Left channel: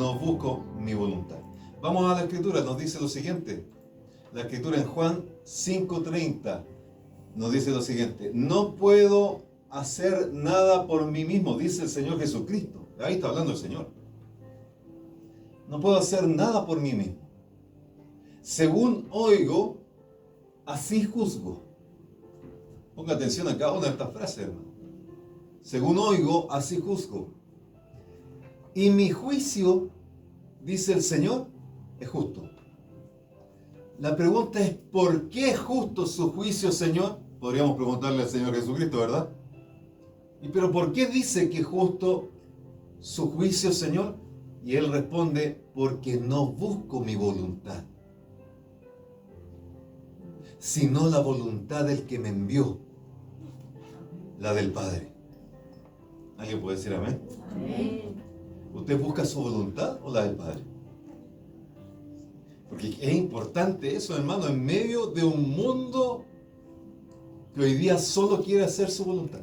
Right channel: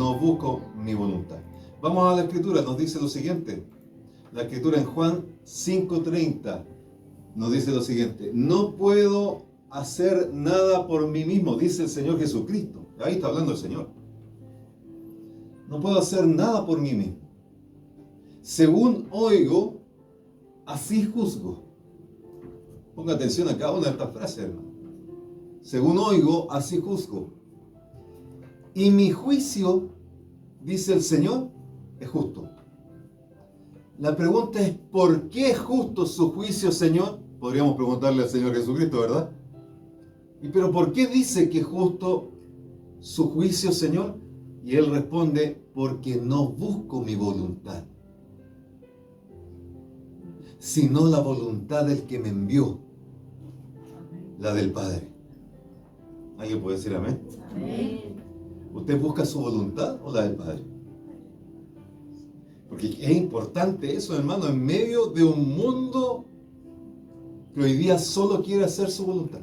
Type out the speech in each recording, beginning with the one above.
no busco mi voluntad. Vamos a la escritura, nos dice lo siguiente. La escritura en Juan 5:30 nos dice lo siguiente: no puedo hacer nada por mí mismo, dice el Señor Jesucristo. Ahí está hablando el Señor. No puedo hacer nada por mí mismo. Según oigo, así juzgo. Ponga atención a cada una de estas frases, hermano. Según oigo, así juzgo. Y mi juicio, dice el Señor, es justo. La pregunta es, ¿por qué es justo su juicio, Señor? Podríamos preguntarle al Señor Jesucristo, ¿verdad? ¿Y pero por qué dice que es justo su juicio, Señor? Y Él responde, porque no busco mi voluntad, sino la voluntad del que me envió, la del Padre. ¿Alguien puede decir amén? Amén. ¿Usted busca su voluntad o la del Padre? Porque es importante eso, hermano, en medio de un mundo que hoy día solo quiere hacer su voluntad.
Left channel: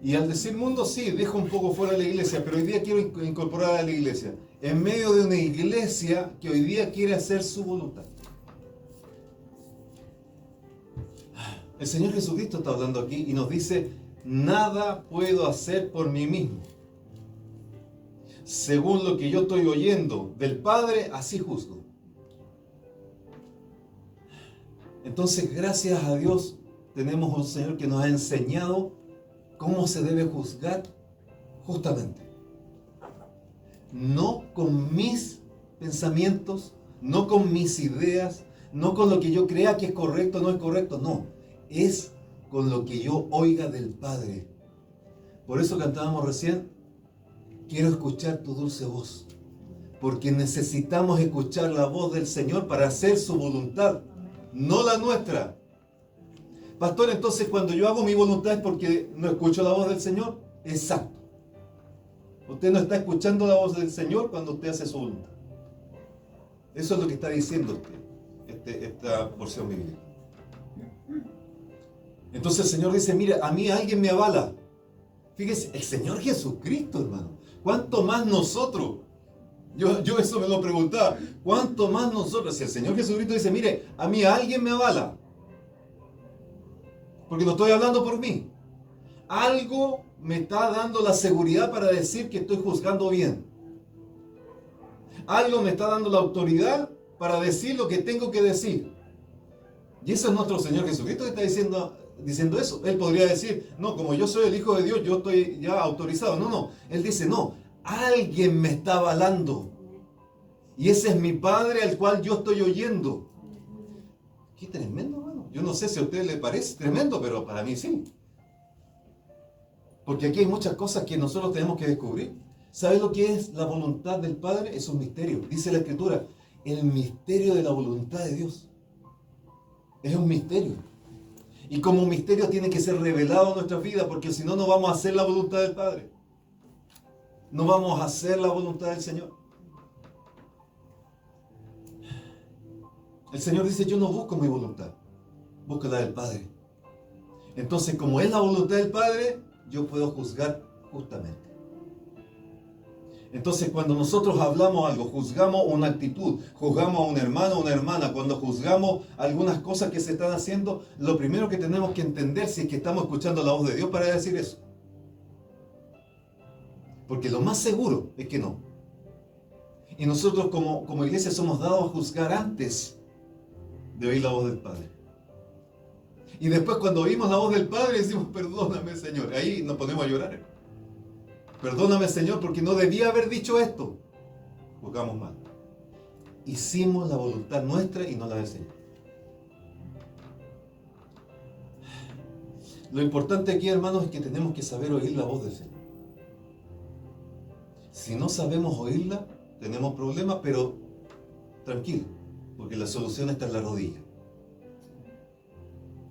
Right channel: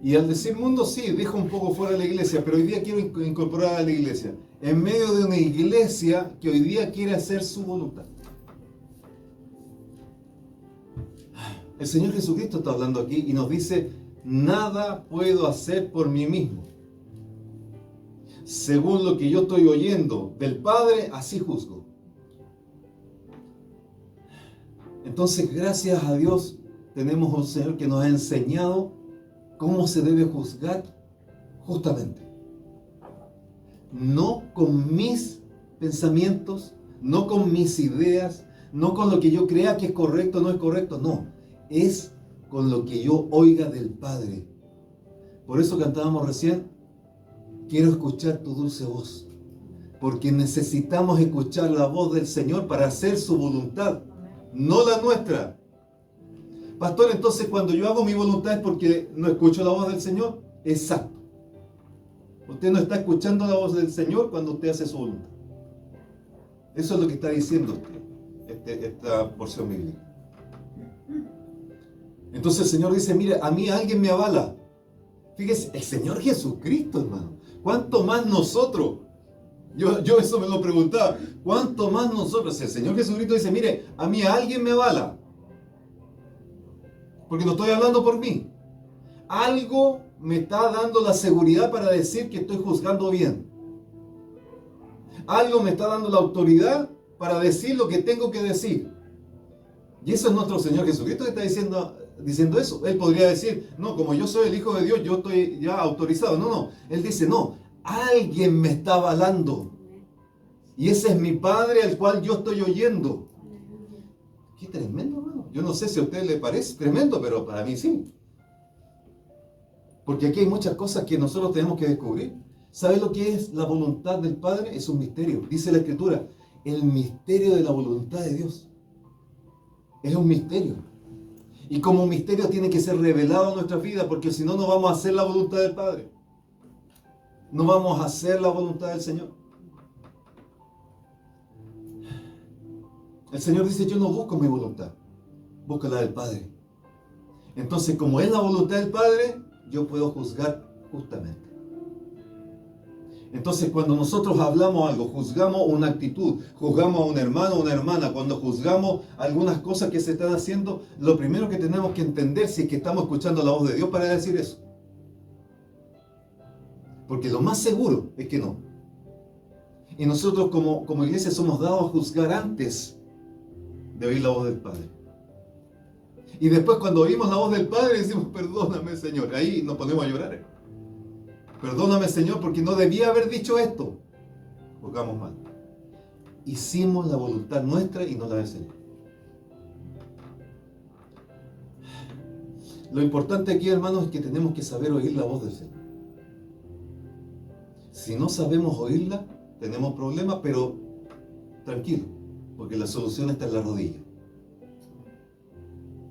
Y al decir mundo, sí, dejo un poco fuera de la iglesia, pero hoy día quiero incorporar a la iglesia. En medio de una iglesia que hoy día quiere hacer su voluntad. El Señor Jesucristo está hablando aquí y nos dice, nada puedo hacer por mí mismo. Según lo que yo estoy oyendo del Padre, así juzgo. Entonces, gracias a Dios, tenemos un Señor que nos ha enseñado cómo se debe juzgar justamente. No con mis pensamientos, no con mis ideas, no con lo que yo crea que es correcto o no es correcto, no. Es con lo que yo oiga del Padre. Por eso cantábamos recién, quiero escuchar tu dulce voz, porque necesitamos escuchar la voz del Señor para hacer su voluntad, no la nuestra. Pastor, entonces cuando yo hago mi voluntad es porque no escucho la voz del Señor. Exacto. Usted no está escuchando la voz del Señor cuando usted hace su voluntad. Eso es lo que está diciendo usted, esta porción bíblica. Entonces el Señor dice, mira, a mí alguien me avala. Fíjese, el Señor Jesucristo, hermano. ¿Cuánto más nosotros? Yo eso me lo preguntaba. ¿Cuánto más nosotros? El Señor Jesucristo dice, mire, a mí alguien me avala. Porque no estoy hablando por mí. Algo me está dando la seguridad para decir que estoy juzgando bien. Algo me está dando la autoridad para decir lo que tengo que decir. Y eso es nuestro Señor Jesucristo que está diciendo eso. Él podría decir, no, como yo soy el Hijo de Dios, yo estoy ya autorizado. No. Él dice, no, alguien me está avalando. Y ese es mi Padre al cual yo estoy oyendo. Qué tremendo, hermano. Yo no sé si a usted le parece tremendo, pero para mí sí. Porque aquí hay muchas cosas que nosotros tenemos que descubrir. ¿Sabe lo que es la voluntad del Padre? Es un misterio. Dice la Escritura, el misterio de la voluntad de Dios. Es un misterio. Y como misterio tiene que ser revelado en nuestra vida, porque si no, no vamos a hacer la voluntad del Padre. No vamos a hacer la voluntad del Señor. El Señor dice, yo no busco mi voluntad, busco la del Padre. Entonces, como es la voluntad del Padre, yo puedo juzgar justamente. Entonces, cuando nosotros hablamos algo, juzgamos una actitud, juzgamos a un hermano o una hermana, cuando juzgamos algunas cosas que se están haciendo, lo primero que tenemos que entender si es que estamos escuchando la voz de Dios para decir eso. Porque lo más seguro es que no. Y nosotros como iglesia somos dados a juzgar antes de oír la voz del Padre. Y después cuando oímos la voz del Padre decimos, perdóname, Señor. Ahí nos ponemos a llorar. Perdóname, Señor, porque no debía haber dicho esto. Juzgamos mal. Hicimos la voluntad nuestra y no la del Señor. Lo importante aquí, hermanos, es que tenemos que saber oír la voz del Señor. Si no sabemos oírla, tenemos problemas, pero tranquilo, porque la solución está en la rodilla.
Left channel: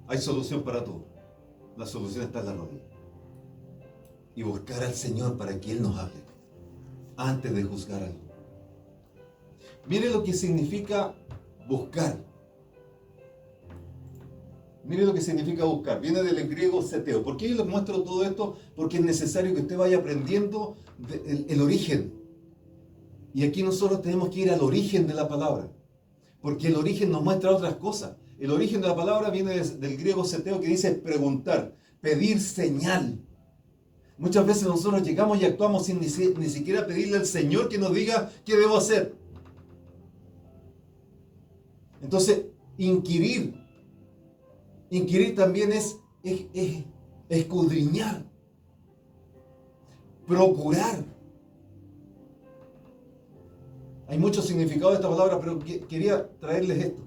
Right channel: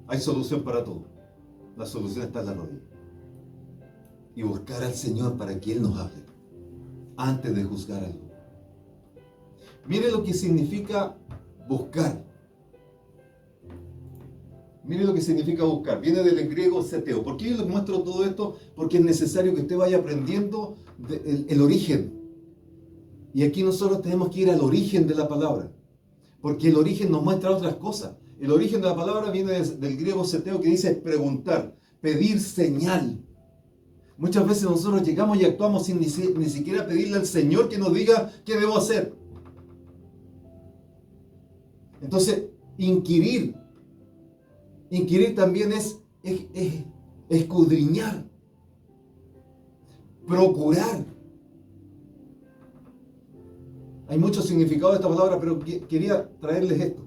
Hay solución para todo. La solución está en la rodilla. Y buscar al Señor para que Él nos hable antes de juzgar algo. Mire lo que significa buscar. Mire lo que significa buscar. Viene del griego seteo. ¿Por qué les muestro todo esto? Porque es necesario que usted vaya aprendiendo el origen. Y aquí nosotros tenemos que ir al origen de la palabra, porque el origen nos muestra otras cosas. El origen de la palabra viene del griego seteo, que dice preguntar, pedir señal. Muchas veces nosotros llegamos y actuamos sin ni siquiera pedirle al Señor que nos diga qué debo hacer. Entonces, inquirir también es escudriñar, procurar. Hay mucho significado de esta palabra, pero quería traerles esto.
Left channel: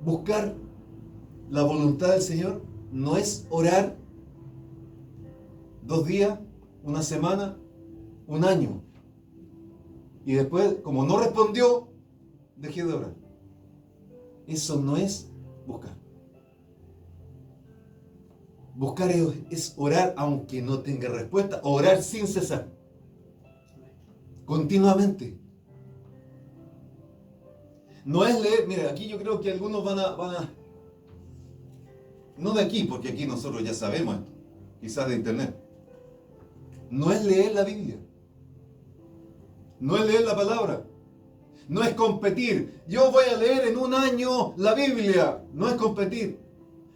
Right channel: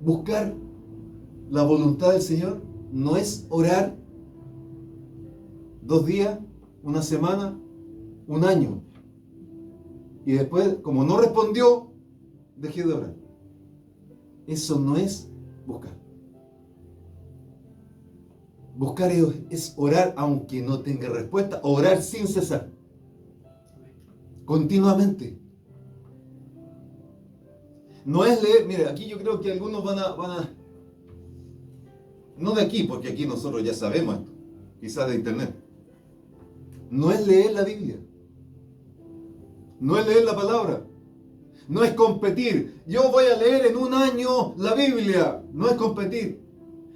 Buscar la voluntad del Señor no es orar 2 días, 1 semana, 1 año. Y después, como no respondió, dejé de orar. Eso no es buscar. Buscar es orar aunque no tenga respuesta, orar sin cesar. Continuamente. No es leer, mire, aquí yo creo que algunos van a no de aquí, porque aquí nosotros ya sabemos esto, quizás de internet. No es leer la Biblia. No es leer la palabra. No es competir. Yo voy a leer en 1 año la Biblia. No es competir.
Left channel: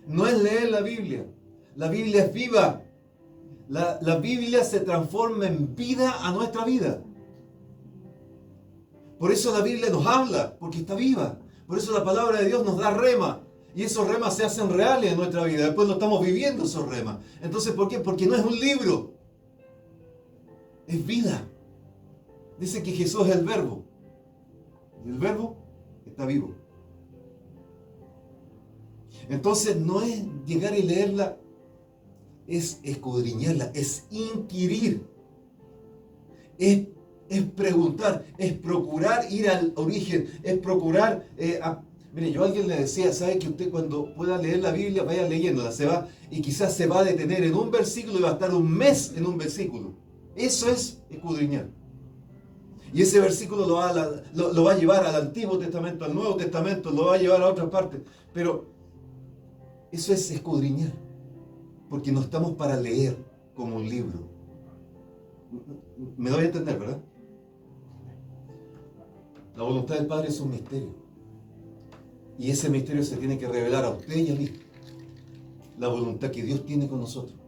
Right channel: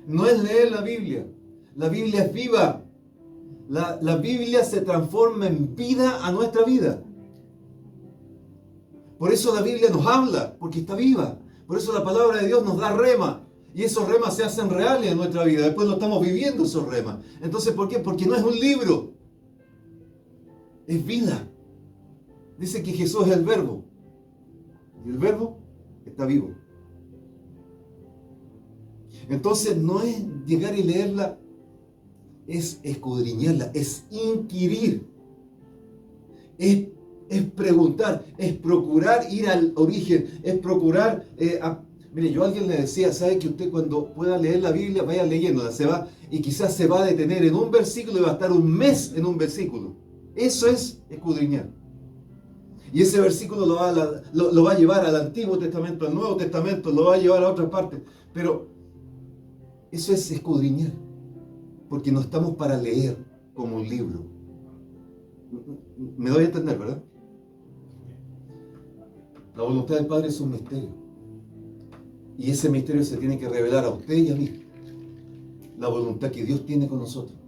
No es leer la Biblia. La Biblia es viva. La Biblia se transforma en vida a nuestra vida. Por eso la Biblia nos habla, porque está viva. Por eso la palabra de Dios nos da rema. Y esos remas se hacen reales en nuestra vida. Después lo estamos viviendo esos remas. Entonces, ¿por qué? Porque no es un libro. Es vida. Dice que Jesús es el verbo. Y el verbo está vivo. Entonces no es llegar y leerla, es escudriñarla, es inquirir, es preguntar, es procurar ir al origen, es procurar... Mire, yo a alguien le decía, ¿sabe que usted cuando pueda leer la Biblia, vaya leyéndola, y quizás se va a detener en un versículo y va a estar 1 mes en un versículo? Eso es escudriñar. Y ese versículo lo va a llevar al Antiguo Testamento, al Nuevo Testamento, lo va a llevar a otras partes. Pero eso es escudriñar, porque no estamos para leer como un libro. Me doy a entender, ¿verdad? La voluntad del Padre es un misterio. Y ese misterio se tiene que revelar a usted y a mí. La voluntad que Dios tiene con nosotros.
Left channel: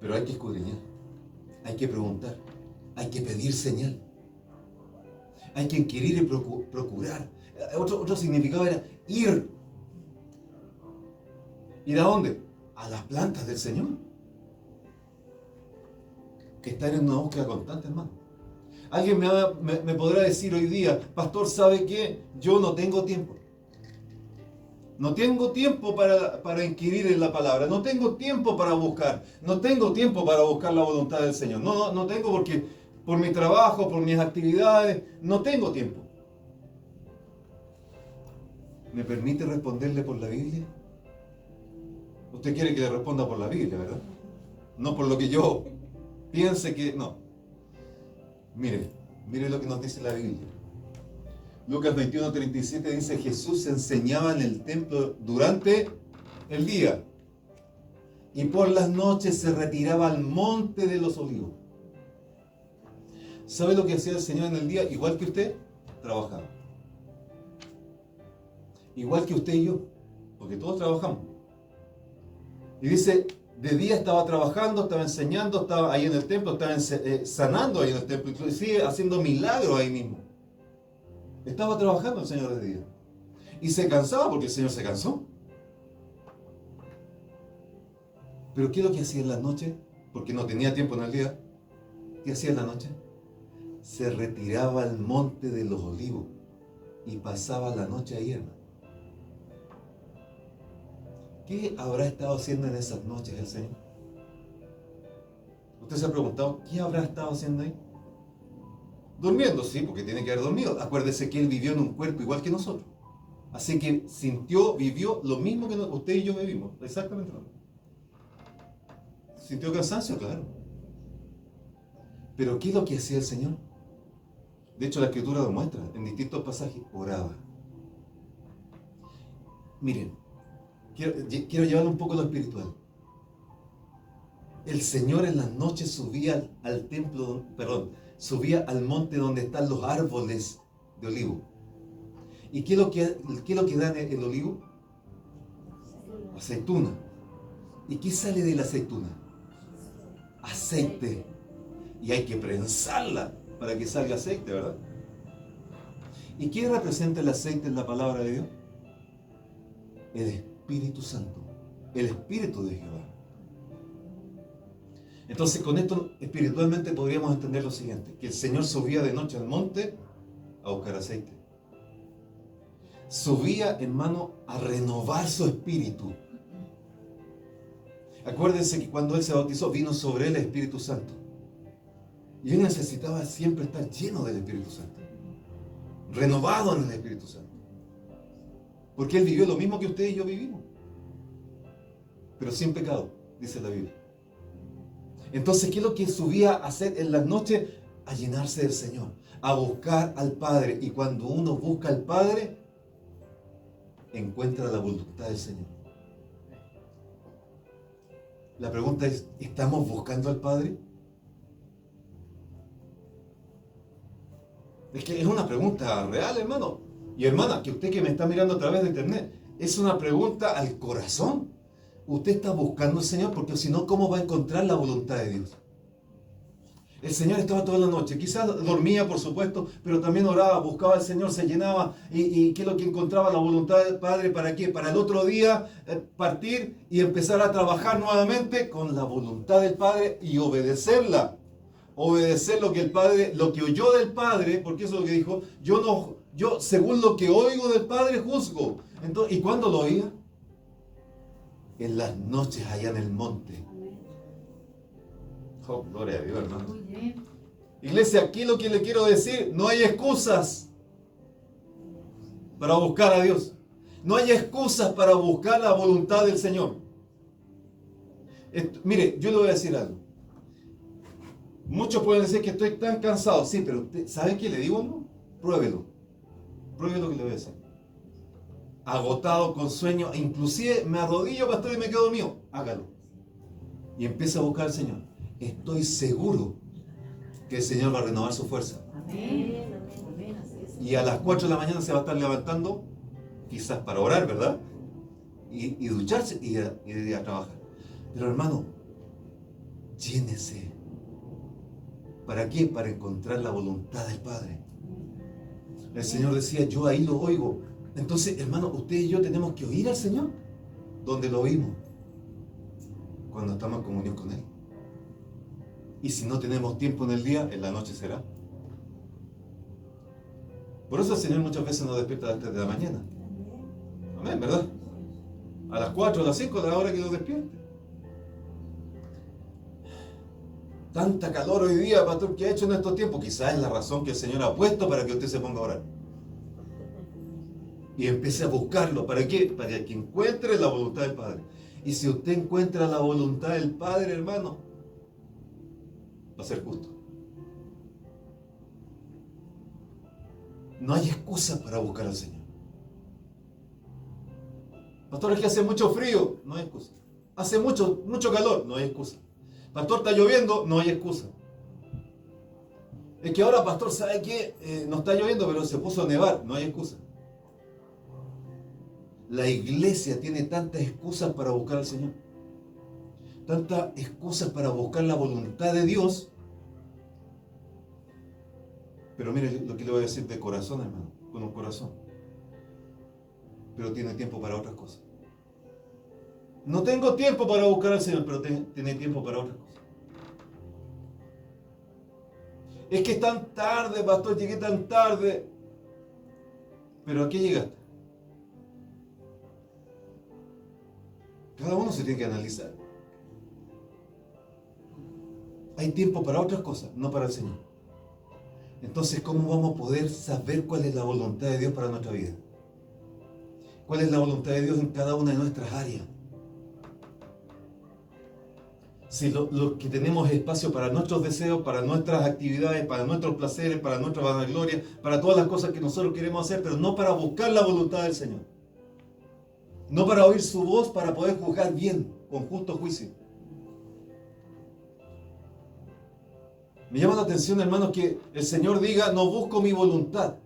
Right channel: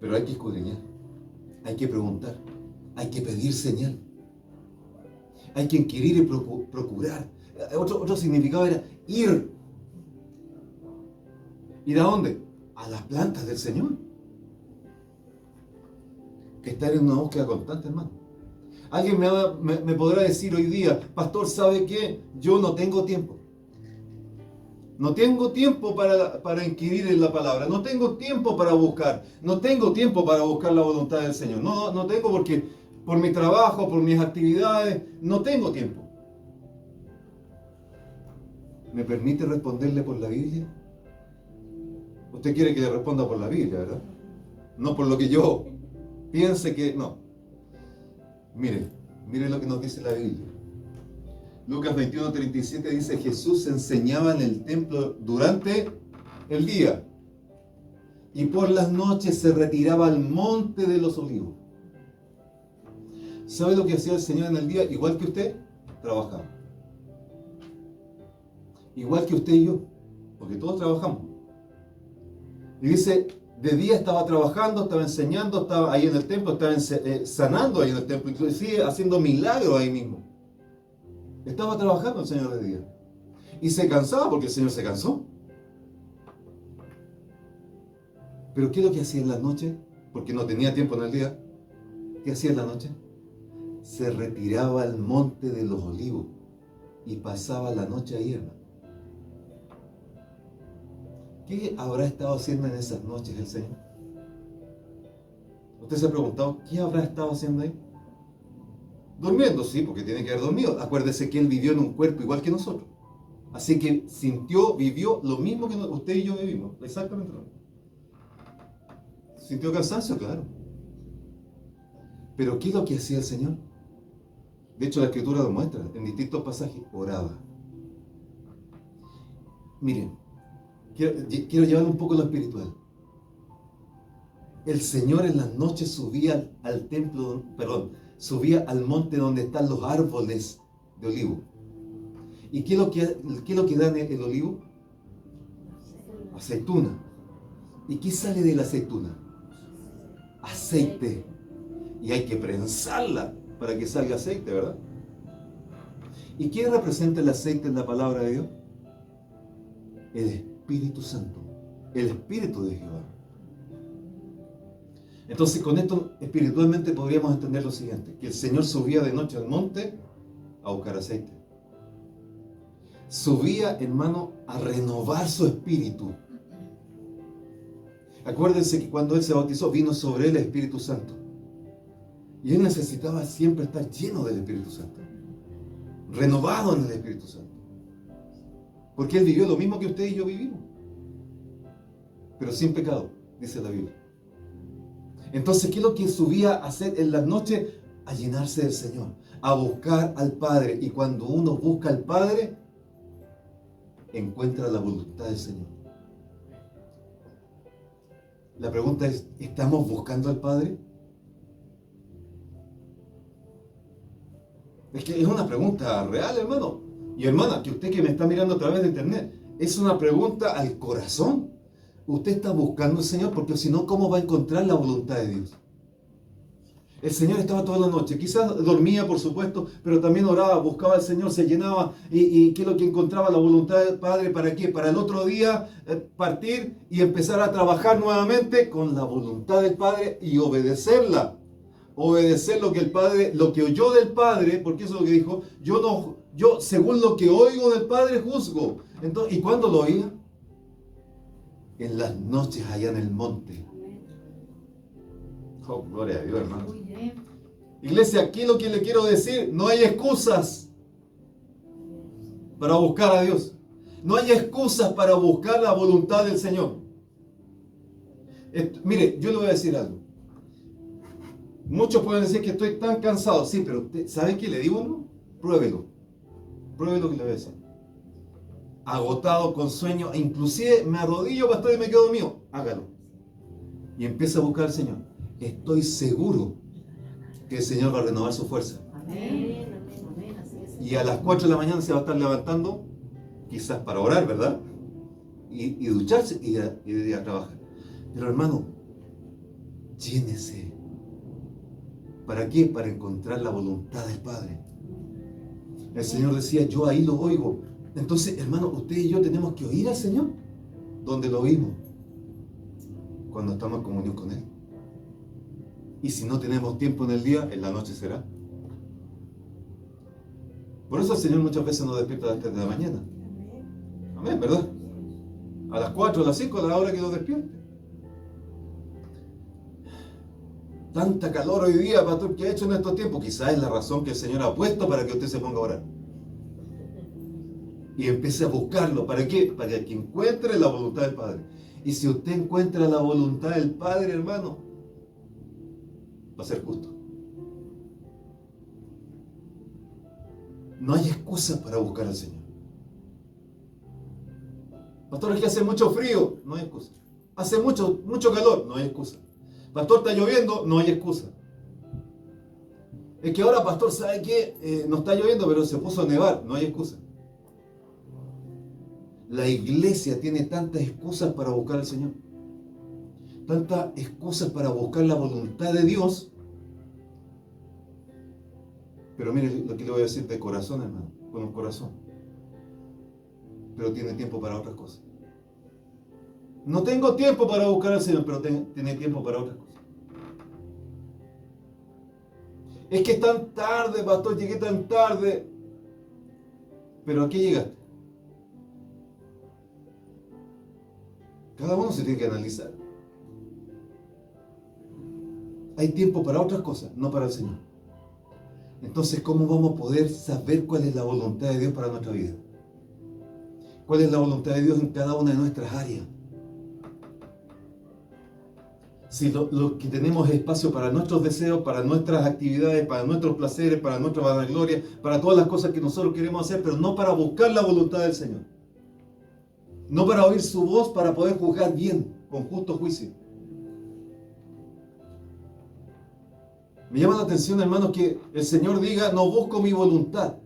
Pero hay que escudriñar, hay que preguntar, hay que pedir señal, hay que inquirir y procurar. Otro significado era ir. ¿Ir a dónde? A las plantas del Señor. Estar en una búsqueda constante, hermano. Alguien me podrá decir hoy día, pastor, ¿sabe qué? Yo no tengo tiempo. No tengo tiempo para inquirir en la palabra. No tengo tiempo para buscar. No tengo tiempo para buscar la voluntad del Señor. No tengo porque por mi trabajo, por mis actividades, no tengo tiempo. ¿Me permite responderle por la Biblia? Usted quiere que le responda por la Biblia, ¿verdad? No por lo que yo piense que... No. Mire lo que nos dice la Biblia. Lucas 21:37 dice, Jesús enseñaba en el templo durante el día y por las noches se retiraba al monte de los olivos. ¿Sabe lo que hacía el Señor en el día? Igual que usted, trabajaba. Igual que usted y yo, porque todos trabajamos. Y dice, de día estaba trabajando, estaba enseñando, estaba ahí en el templo, estaba sanando ahí en el templo, inclusive haciendo milagros ahí mismo. Estaba trabajando el Señor de día. Y se cansaba porque el Señor se cansó. Pero ¿qué es lo que hacía en la noche? Porque no tenía tiempo en el día. ¿Qué hacía en la noche? Se retiraba al monte de los olivos y pasaba la noche ahí, hermano. ¿Qué habrá estado haciendo en esas noches el Señor? ¿Usted se ha preguntado qué habrá estado haciendo ahí? Durmiendo, sí, porque tiene que haber dormido. Acuérdese que Él vivió en un cuerpo igual que nosotros. Así que vivió lo mismo que usted y yo vivimos. Exactamente lo mismo. ¿Sintió cansancio? Claro. Pero ¿qué es lo que hacía el Señor? De hecho, la Escritura lo muestra en distintos pasajes. Oraba. Miren, quiero llevar un poco lo espiritual. el Señor en las noches subía al templo, perdón, subía al monte donde están los árboles de olivo. ¿Y qué es lo que da el olivo? Aceituna. ¿Y qué sale de la aceituna? Aceite. Y hay que prensarla para que salga aceite, ¿verdad? ¿Y qué representa el aceite en la palabra de Dios? El Espíritu Santo, el Espíritu de Jehová. Entonces, con esto espiritualmente podríamos entender lo siguiente: que el Señor subía de noche al monte a buscar aceite. Subía, hermano, a renovar su espíritu. Acuérdense que cuando Él se bautizó, vino sobre Él el Espíritu Santo. Y Él necesitaba siempre estar lleno del Espíritu Santo, renovado en el Espíritu Santo. Porque Él vivió lo mismo que usted y yo vivimos, pero sin pecado, dice la Biblia. Entonces, ¿qué es lo que subía a hacer en las noches? A llenarse del Señor, a buscar al Padre. Y cuando uno busca al Padre, encuentra la voluntad del Señor. La pregunta es, ¿estamos buscando al Padre? Es que es una pregunta real, hermano. Y hermana, que usted que me está mirando a través de internet, es una pregunta al corazón. Usted está buscando al Señor, porque si no, ¿cómo va a encontrar la voluntad de Dios? El Señor estaba toda la noche, quizás dormía, por supuesto, pero también oraba, buscaba al Señor, se llenaba. ¿Y qué es lo que encontraba? La voluntad del Padre. ¿Para qué? Para el otro día partir y empezar a trabajar nuevamente con la voluntad del Padre y obedecerla. Obedecer lo que el Padre, lo que oyó del Padre, porque eso es lo que dijo: yo según lo que oigo del Padre juzgo. Entonces, ¿y cuándo lo oía? En las noches allá en el monte. Oh, gloria a Dios, hermano. Iglesia, aquí lo que le quiero decir: no hay excusas para buscar a Dios. No hay excusas para buscar la voluntad del Señor. Mire, yo le voy a decir algo. Muchos pueden decir que estoy tan cansado. Sí, pero usted, ¿sabe qué le digo algo? Pruébelo. Pruebe lo que le voy a decir. Agotado, con sueño, inclusive me arrodillo, pastor, y me quedo dormido. Hágalo. Y empieza a buscar al Señor. Estoy seguro que el Señor va a renovar su fuerza. Amén. Y a las 4 de la mañana se va a estar levantando, quizás para orar, ¿verdad? Y ducharse y ir a trabajar. Pero hermano, llénese. ¿Para qué? Para encontrar la voluntad del Padre. El Señor decía: yo ahí lo oigo. Entonces, hermano, usted y yo tenemos que oír al Señor. ¿Dónde lo oímos? Cuando estamos en comunión con Él. Y si no tenemos tiempo en el día, en la noche será. Por eso el Señor muchas veces nos despierta a las 3 de la mañana. Amén, ¿verdad? A las 4, a las 5, a la hora que nos despierte. Tanta calor hoy día, pastor, que ha hecho en estos tiempos. Quizás es la razón que el Señor ha puesto para que usted se ponga a orar. Y empiece a buscarlo. ¿Para qué? Para que encuentre la voluntad del Padre. Y si usted encuentra la voluntad del Padre, hermano, va a ser justo. No hay excusa para buscar al Señor. Pastor, es que hace mucho frío. No hay excusa. Hace mucho calor. No hay excusa. Pastor, está lloviendo. No hay excusa. Es que ahora, pastor, ¿sabe qué? No está lloviendo, pero se puso a nevar. No hay excusa. La iglesia tiene tantas excusas para buscar al Señor. Tantas excusas para buscar la voluntad de Dios. Pero mire lo que le voy a decir de corazón, hermano. Con un corazón. Pero tiene tiempo para otras cosas. No tengo tiempo para buscar al Señor, pero tiene tiempo para otras cosas. Es que es tan tarde, pastor, llegué tan tarde. Pero ¿a qué llegaste? Cada uno se tiene que analizar. Hay tiempo para otras cosas, no para el Señor. Entonces, ¿cómo vamos a poder saber cuál es la voluntad de Dios para nuestra vida? ¿Cuál es la voluntad de Dios en cada una de nuestras áreas? Si lo que tenemos es espacio para nuestros deseos, para nuestras actividades, para nuestros placeres, para nuestra vanagloria, para todas las cosas que nosotros queremos hacer, pero no para buscar la voluntad del Señor. No para oír su voz, para poder juzgar bien, con justo juicio. Me llama la atención, hermanos, que el Señor diga, no busco mi voluntad.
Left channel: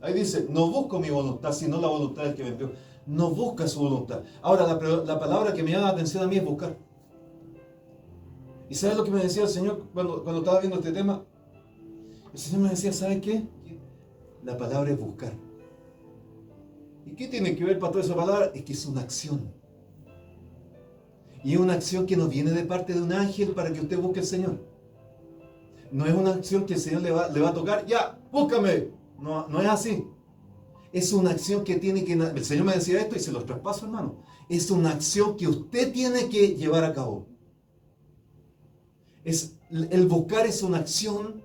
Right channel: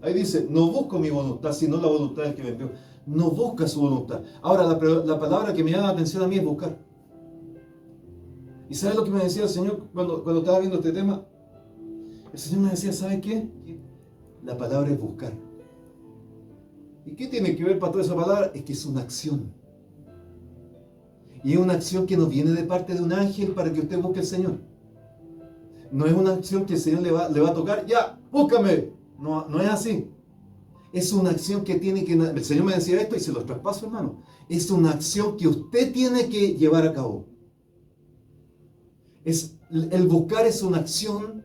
Ahí dice, no busco mi voluntad, sino la voluntad del que me envió. No busca su voluntad. Ahora, la palabra que me llama la atención a mí es buscar. ¿Y sabes lo que me decía el Señor cuando estaba viendo este tema? El Señor me decía, ¿sabes qué? La palabra es buscar. ¿Y qué tiene que ver, pastor, esa palabra? Es que es una acción. Y es una acción que no viene de parte de un ángel para que usted busque al Señor. No es una acción que el Señor le va a tocar, ya, búscame. No, no es así. Es una acción que tiene que... El Señor me decía esto y se los traspaso, hermano. Es una acción que usted tiene que llevar a cabo. El buscar es una acción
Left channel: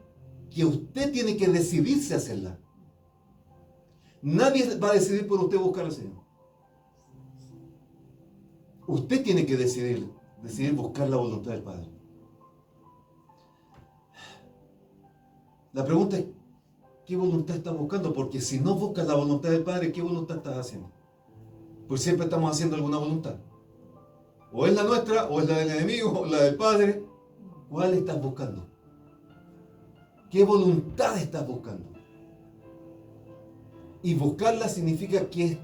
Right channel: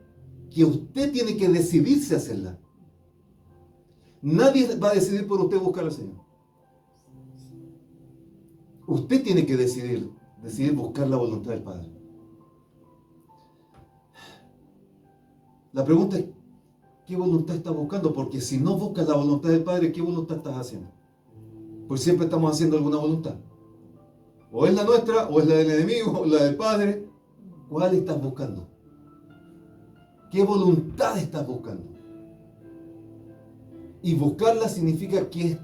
que usted tiene que decidirse a hacerla. Nadie va a decidir por usted buscar al Señor. Usted tiene que decidir buscar la voluntad del Padre. La pregunta es, ¿qué voluntad estás buscando? Porque si no buscas la voluntad del Padre, ¿qué voluntad estás haciendo? Pues siempre estamos haciendo alguna voluntad. O es la nuestra, o es la del enemigo, o la del Padre. ¿Cuál estás buscando? ¿Qué voluntad estás buscando? Y buscarla significa que es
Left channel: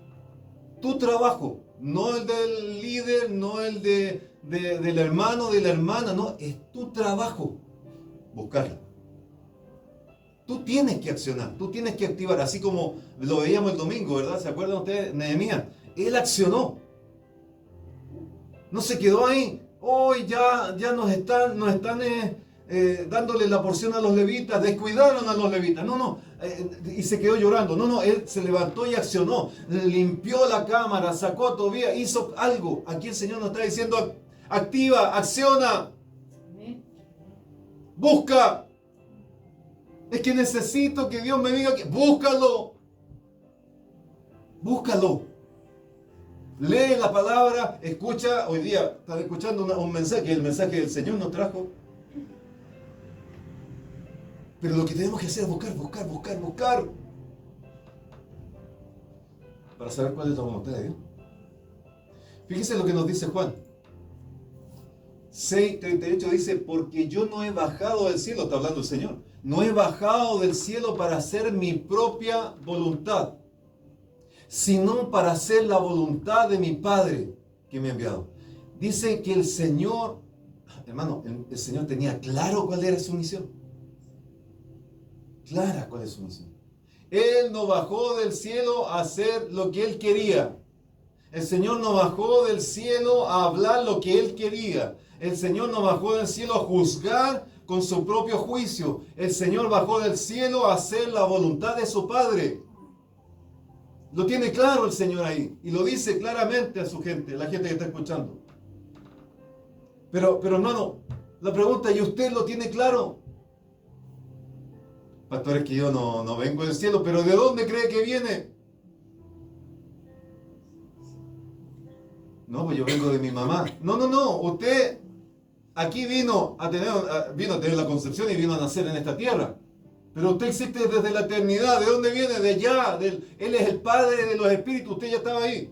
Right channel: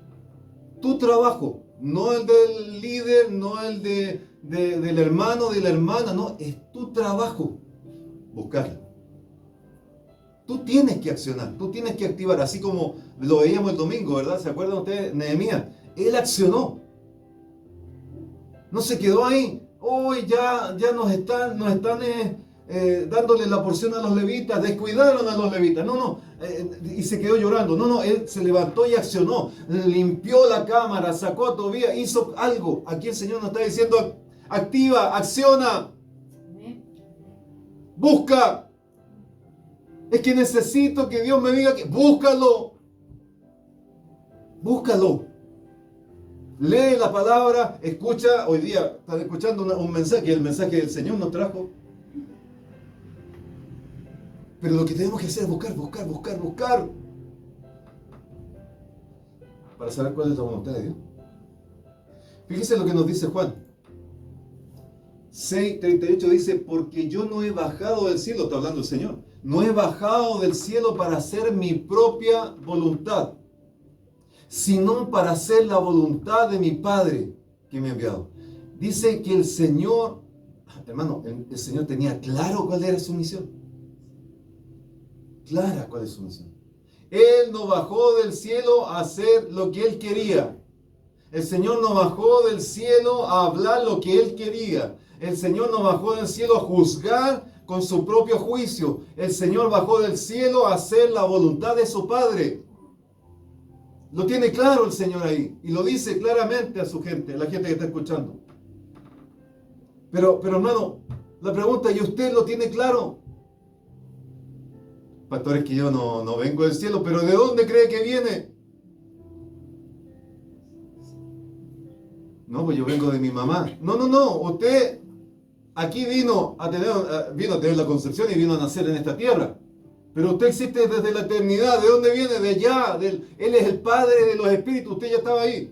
tu trabajo, no el del líder, no el del hermano, de la hermana, no, es tu trabajo buscarla. Tú tienes que accionar, tú tienes que activar, así como lo veíamos el domingo, ¿verdad? ¿Se acuerdan ustedes? Nehemías, él accionó. No se quedó ahí. Hoy ya nos están dándole la porción a los levitas, descuidaron a los levitas. No, y se quedó llorando. No, él se levantó y accionó. Limpió la cámara, sacó a Tobías, hizo algo. Aquí el Señor nos está diciendo, activa, acciona, busca. Es que necesito que Dios me diga que búscalo. Búscalo. Lee la palabra, escucha. Hoy día están escuchando un mensaje, el mensaje del Señor nos trajo. Pero lo que tenemos que hacer es buscar. Para saber cuál es la voluntad de Dios. Fíjese lo que nos dice Juan 6:38, dice, porque yo no he bajado del cielo, está hablando el Señor, no he bajado del cielo para hacer mi propia voluntad, sino para hacer la voluntad de mi Padre que me ha enviado. Dice que el Señor, hermano, el Señor tenía claro cuál era su misión. Clara cuál es su misión. Él no bajó del cielo a hacer lo que Él quería. El Señor no bajó del cielo a hablar lo que Él quería. El Señor no bajó del cielo a juzgar con su propio juicio. El Señor bajó del cielo a hacer la voluntad de su Padre. Lo tiene claro el Señor ahí. Y lo dice claramente a su gente, la gente que está escuchando. Pero hermano, la pregunta, ¿y usted lo tiene claro? Pastor, es que yo no vengo del cielo, pero ¿de dónde cree que viene? No, pues yo vengo de mi mamá. No, usted aquí vino a tener la concepción y vino a nacer en esta tierra. Pero usted existe desde la eternidad. ¿De dónde viene? De allá. Él es el Padre de los Espíritus. Usted ya estaba ahí.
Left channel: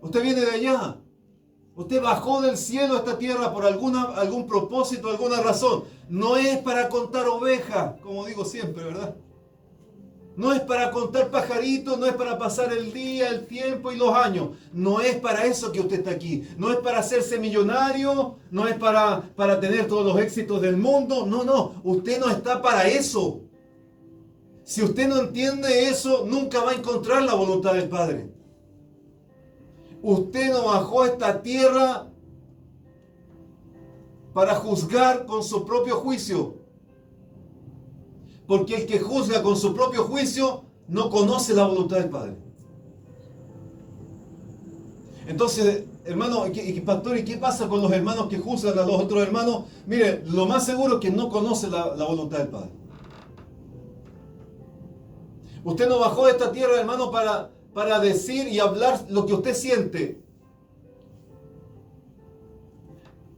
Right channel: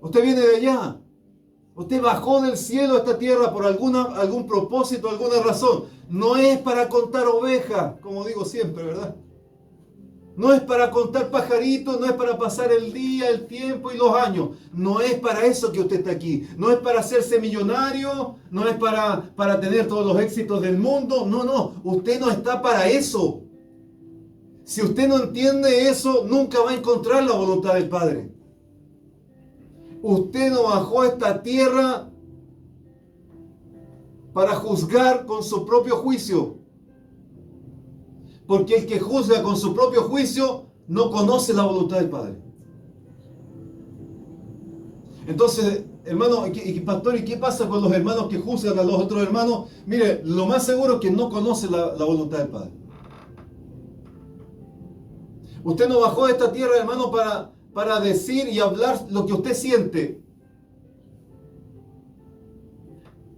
Usted viene de allá. Usted bajó del cielo a esta tierra por algún propósito, alguna razón. No es para contar ovejas, como digo siempre, ¿verdad? No es para contar pajaritos, no es para pasar el día, el tiempo y los años. No es para eso que usted está aquí. No es para hacerse millonario, no es para tener todos los éxitos del mundo. No, usted no está para eso. Si usted no entiende eso, nunca va a encontrar la voluntad del Padre. Usted no bajó a esta tierra para juzgar con su propio juicio. Porque el que juzga con su propio juicio no conoce la voluntad del Padre. Entonces, hermano, pastor, ¿y qué pasa con los hermanos que juzgan a los otros hermanos? Mire, lo más seguro es que no conoce la voluntad del Padre. Usted no bajó de esta tierra, hermano, para decir y hablar lo que usted siente.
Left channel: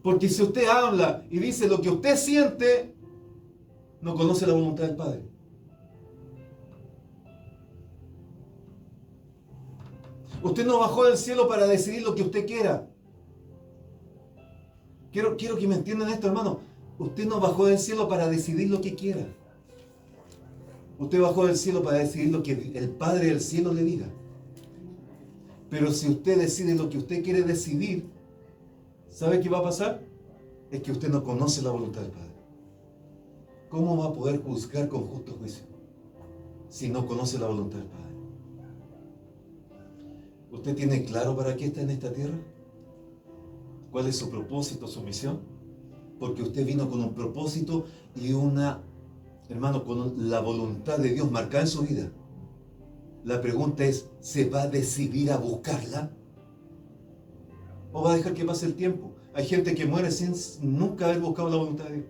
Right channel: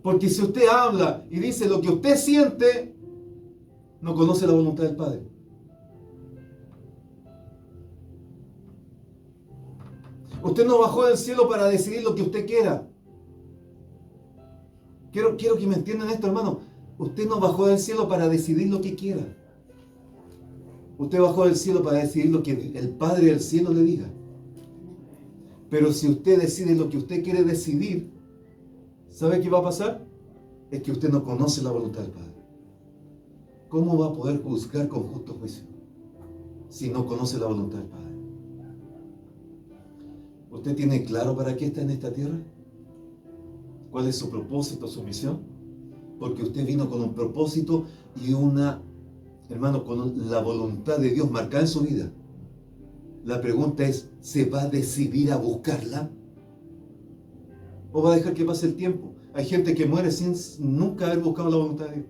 Porque si usted habla y dice lo que usted siente, no conoce la voluntad del Padre. Usted no bajó del cielo para decidir lo que usted quiera. Quiero que me entiendan esto, hermano. Usted no bajó del cielo para decidir lo que quiera. Usted bajó del cielo para decidir lo que el Padre del cielo le diga. Pero si usted decide lo que usted quiere decidir, ¿sabe qué va a pasar? Es que usted no conoce la voluntad del Padre. ¿Cómo va a poder juzgar con justo juicio si no conoce la voluntad del Padre? ¿Usted tiene claro para qué está en esta tierra? ¿Cuál es su propósito, su misión? Porque usted vino con un propósito y hermano, con la voluntad de Dios marcada en su vida. La pregunta es, ¿se va a decidir a buscarla? ¿O va a dejar que pase el tiempo? Hay gente que muere sin nunca haber buscado la voluntad de Dios.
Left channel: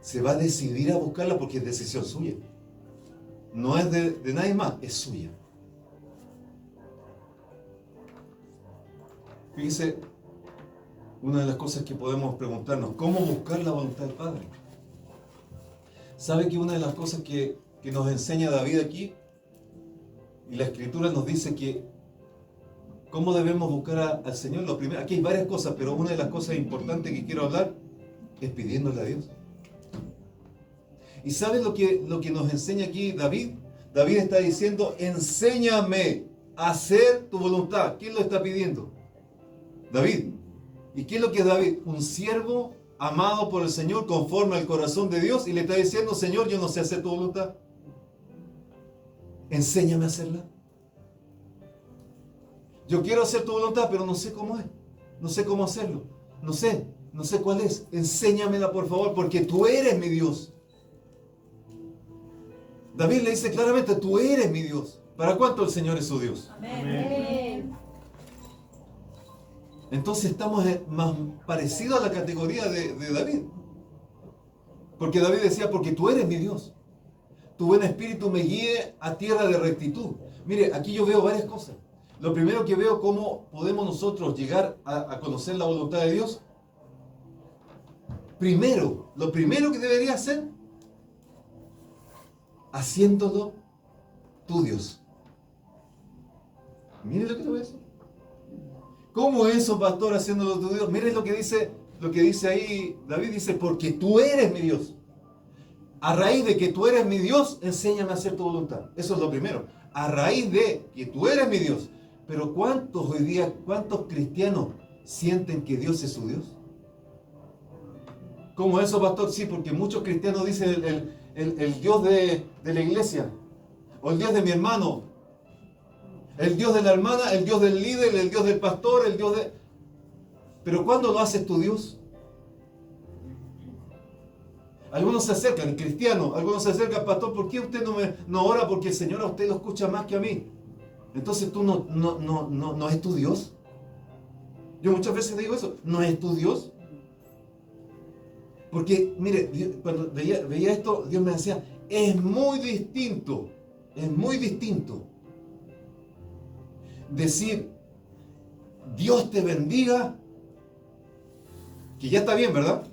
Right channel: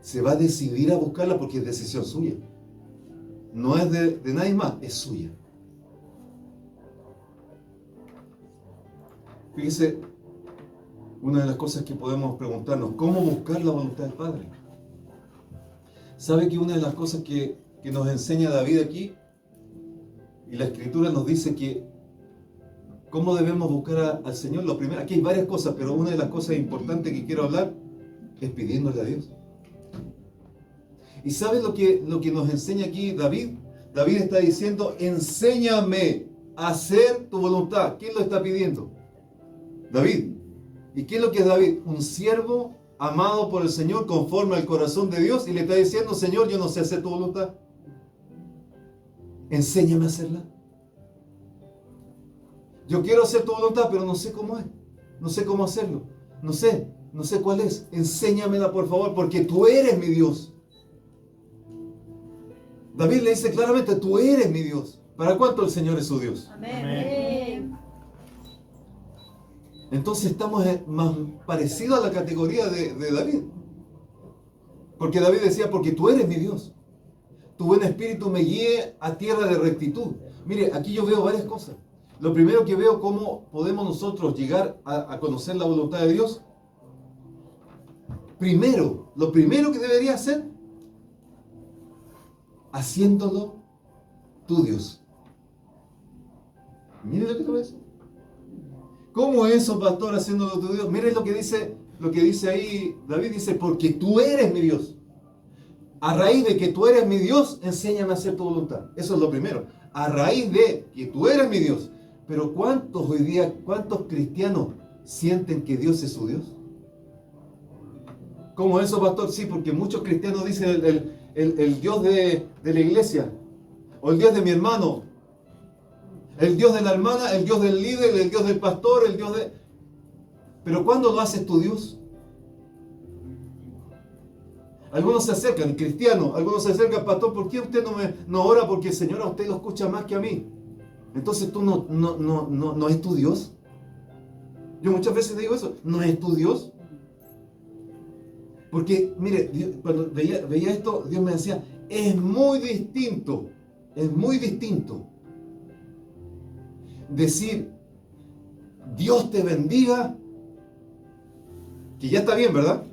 Se va a decidir a buscarla porque es decisión suya. No es de nadie más, es suya. Fíjese, una de las cosas que podemos preguntarnos, ¿cómo buscar la voluntad del Padre? ¿Sabe que una de las cosas que nos enseña David aquí, y la Escritura nos dice que cómo debemos buscar al Señor? Lo primero, aquí hay varias cosas, pero una de las cosas importantes que quiero hablar es pidiéndole a Dios. ¿Y sabe lo que nos enseña aquí David? David está diciendo, enséñame a hacer tu voluntad. ¿Quién lo está pidiendo? David. ¿Y qué es lo que es David? Un siervo amado por el Señor conforme al corazón de Dios, y le está diciendo, Señor, yo no sé hacer tu voluntad. Enséñame a hacerla. Yo quiero hacer tu voluntad, pero no sé cómo es. No sé cómo hacerlo. No sé cuál es. Enséñamela, por favor, porque tú eres mi Dios. David le dice claramente, tú eres mi Dios. ¿Para cuánto el Señor es su Dios? Amén. Entonces estamos más parecidos a la categoría de David. Porque David decía, porque tú eres mi Dios. Tu buen espíritu me guíe a tierra de rectitud. Mire, aquí yo veo varias cosas. Lo primero que veo, cómo podemos nosotros llegar a conocer la voluntad de Dios. Lo primero que debería hacer, haciéndolo tu Dios. Mire lo que te voy a decir. ¿Cómo es eso, pastor, haciéndolo tu Dios? Mire lo que dice ahí David, dice, porque tú eres mi Dios. A raíz de que tú eres mi Dios, enséñame a hacer tu voluntad. Eso es lo primero. A raíz de que tú eres mi Dios. Pero ¿cuántos cristianos sienten que Dios es su Dios? ¿Cómo eso, pastor? Sí, porque muchos cristianos dicen el Dios de la iglesia, o el Dios de mi hermano, el Dios de la hermana, el Dios del líder, el Dios del pastor, el Dios de... Pero ¿cuándo lo haces tu Dios? Algunos se acercan, cristianos, algunos se acercan, pastor, ¿por qué usted no ora? Porque el Señor a usted lo escucha más que a mí. Entonces tú no es tu Dios. Yo muchas veces digo eso, no es tu Dios. Porque, mire, cuando veía esto, Dios me decía, es muy distinto decir, Dios te bendiga, que ya está bien, ¿verdad?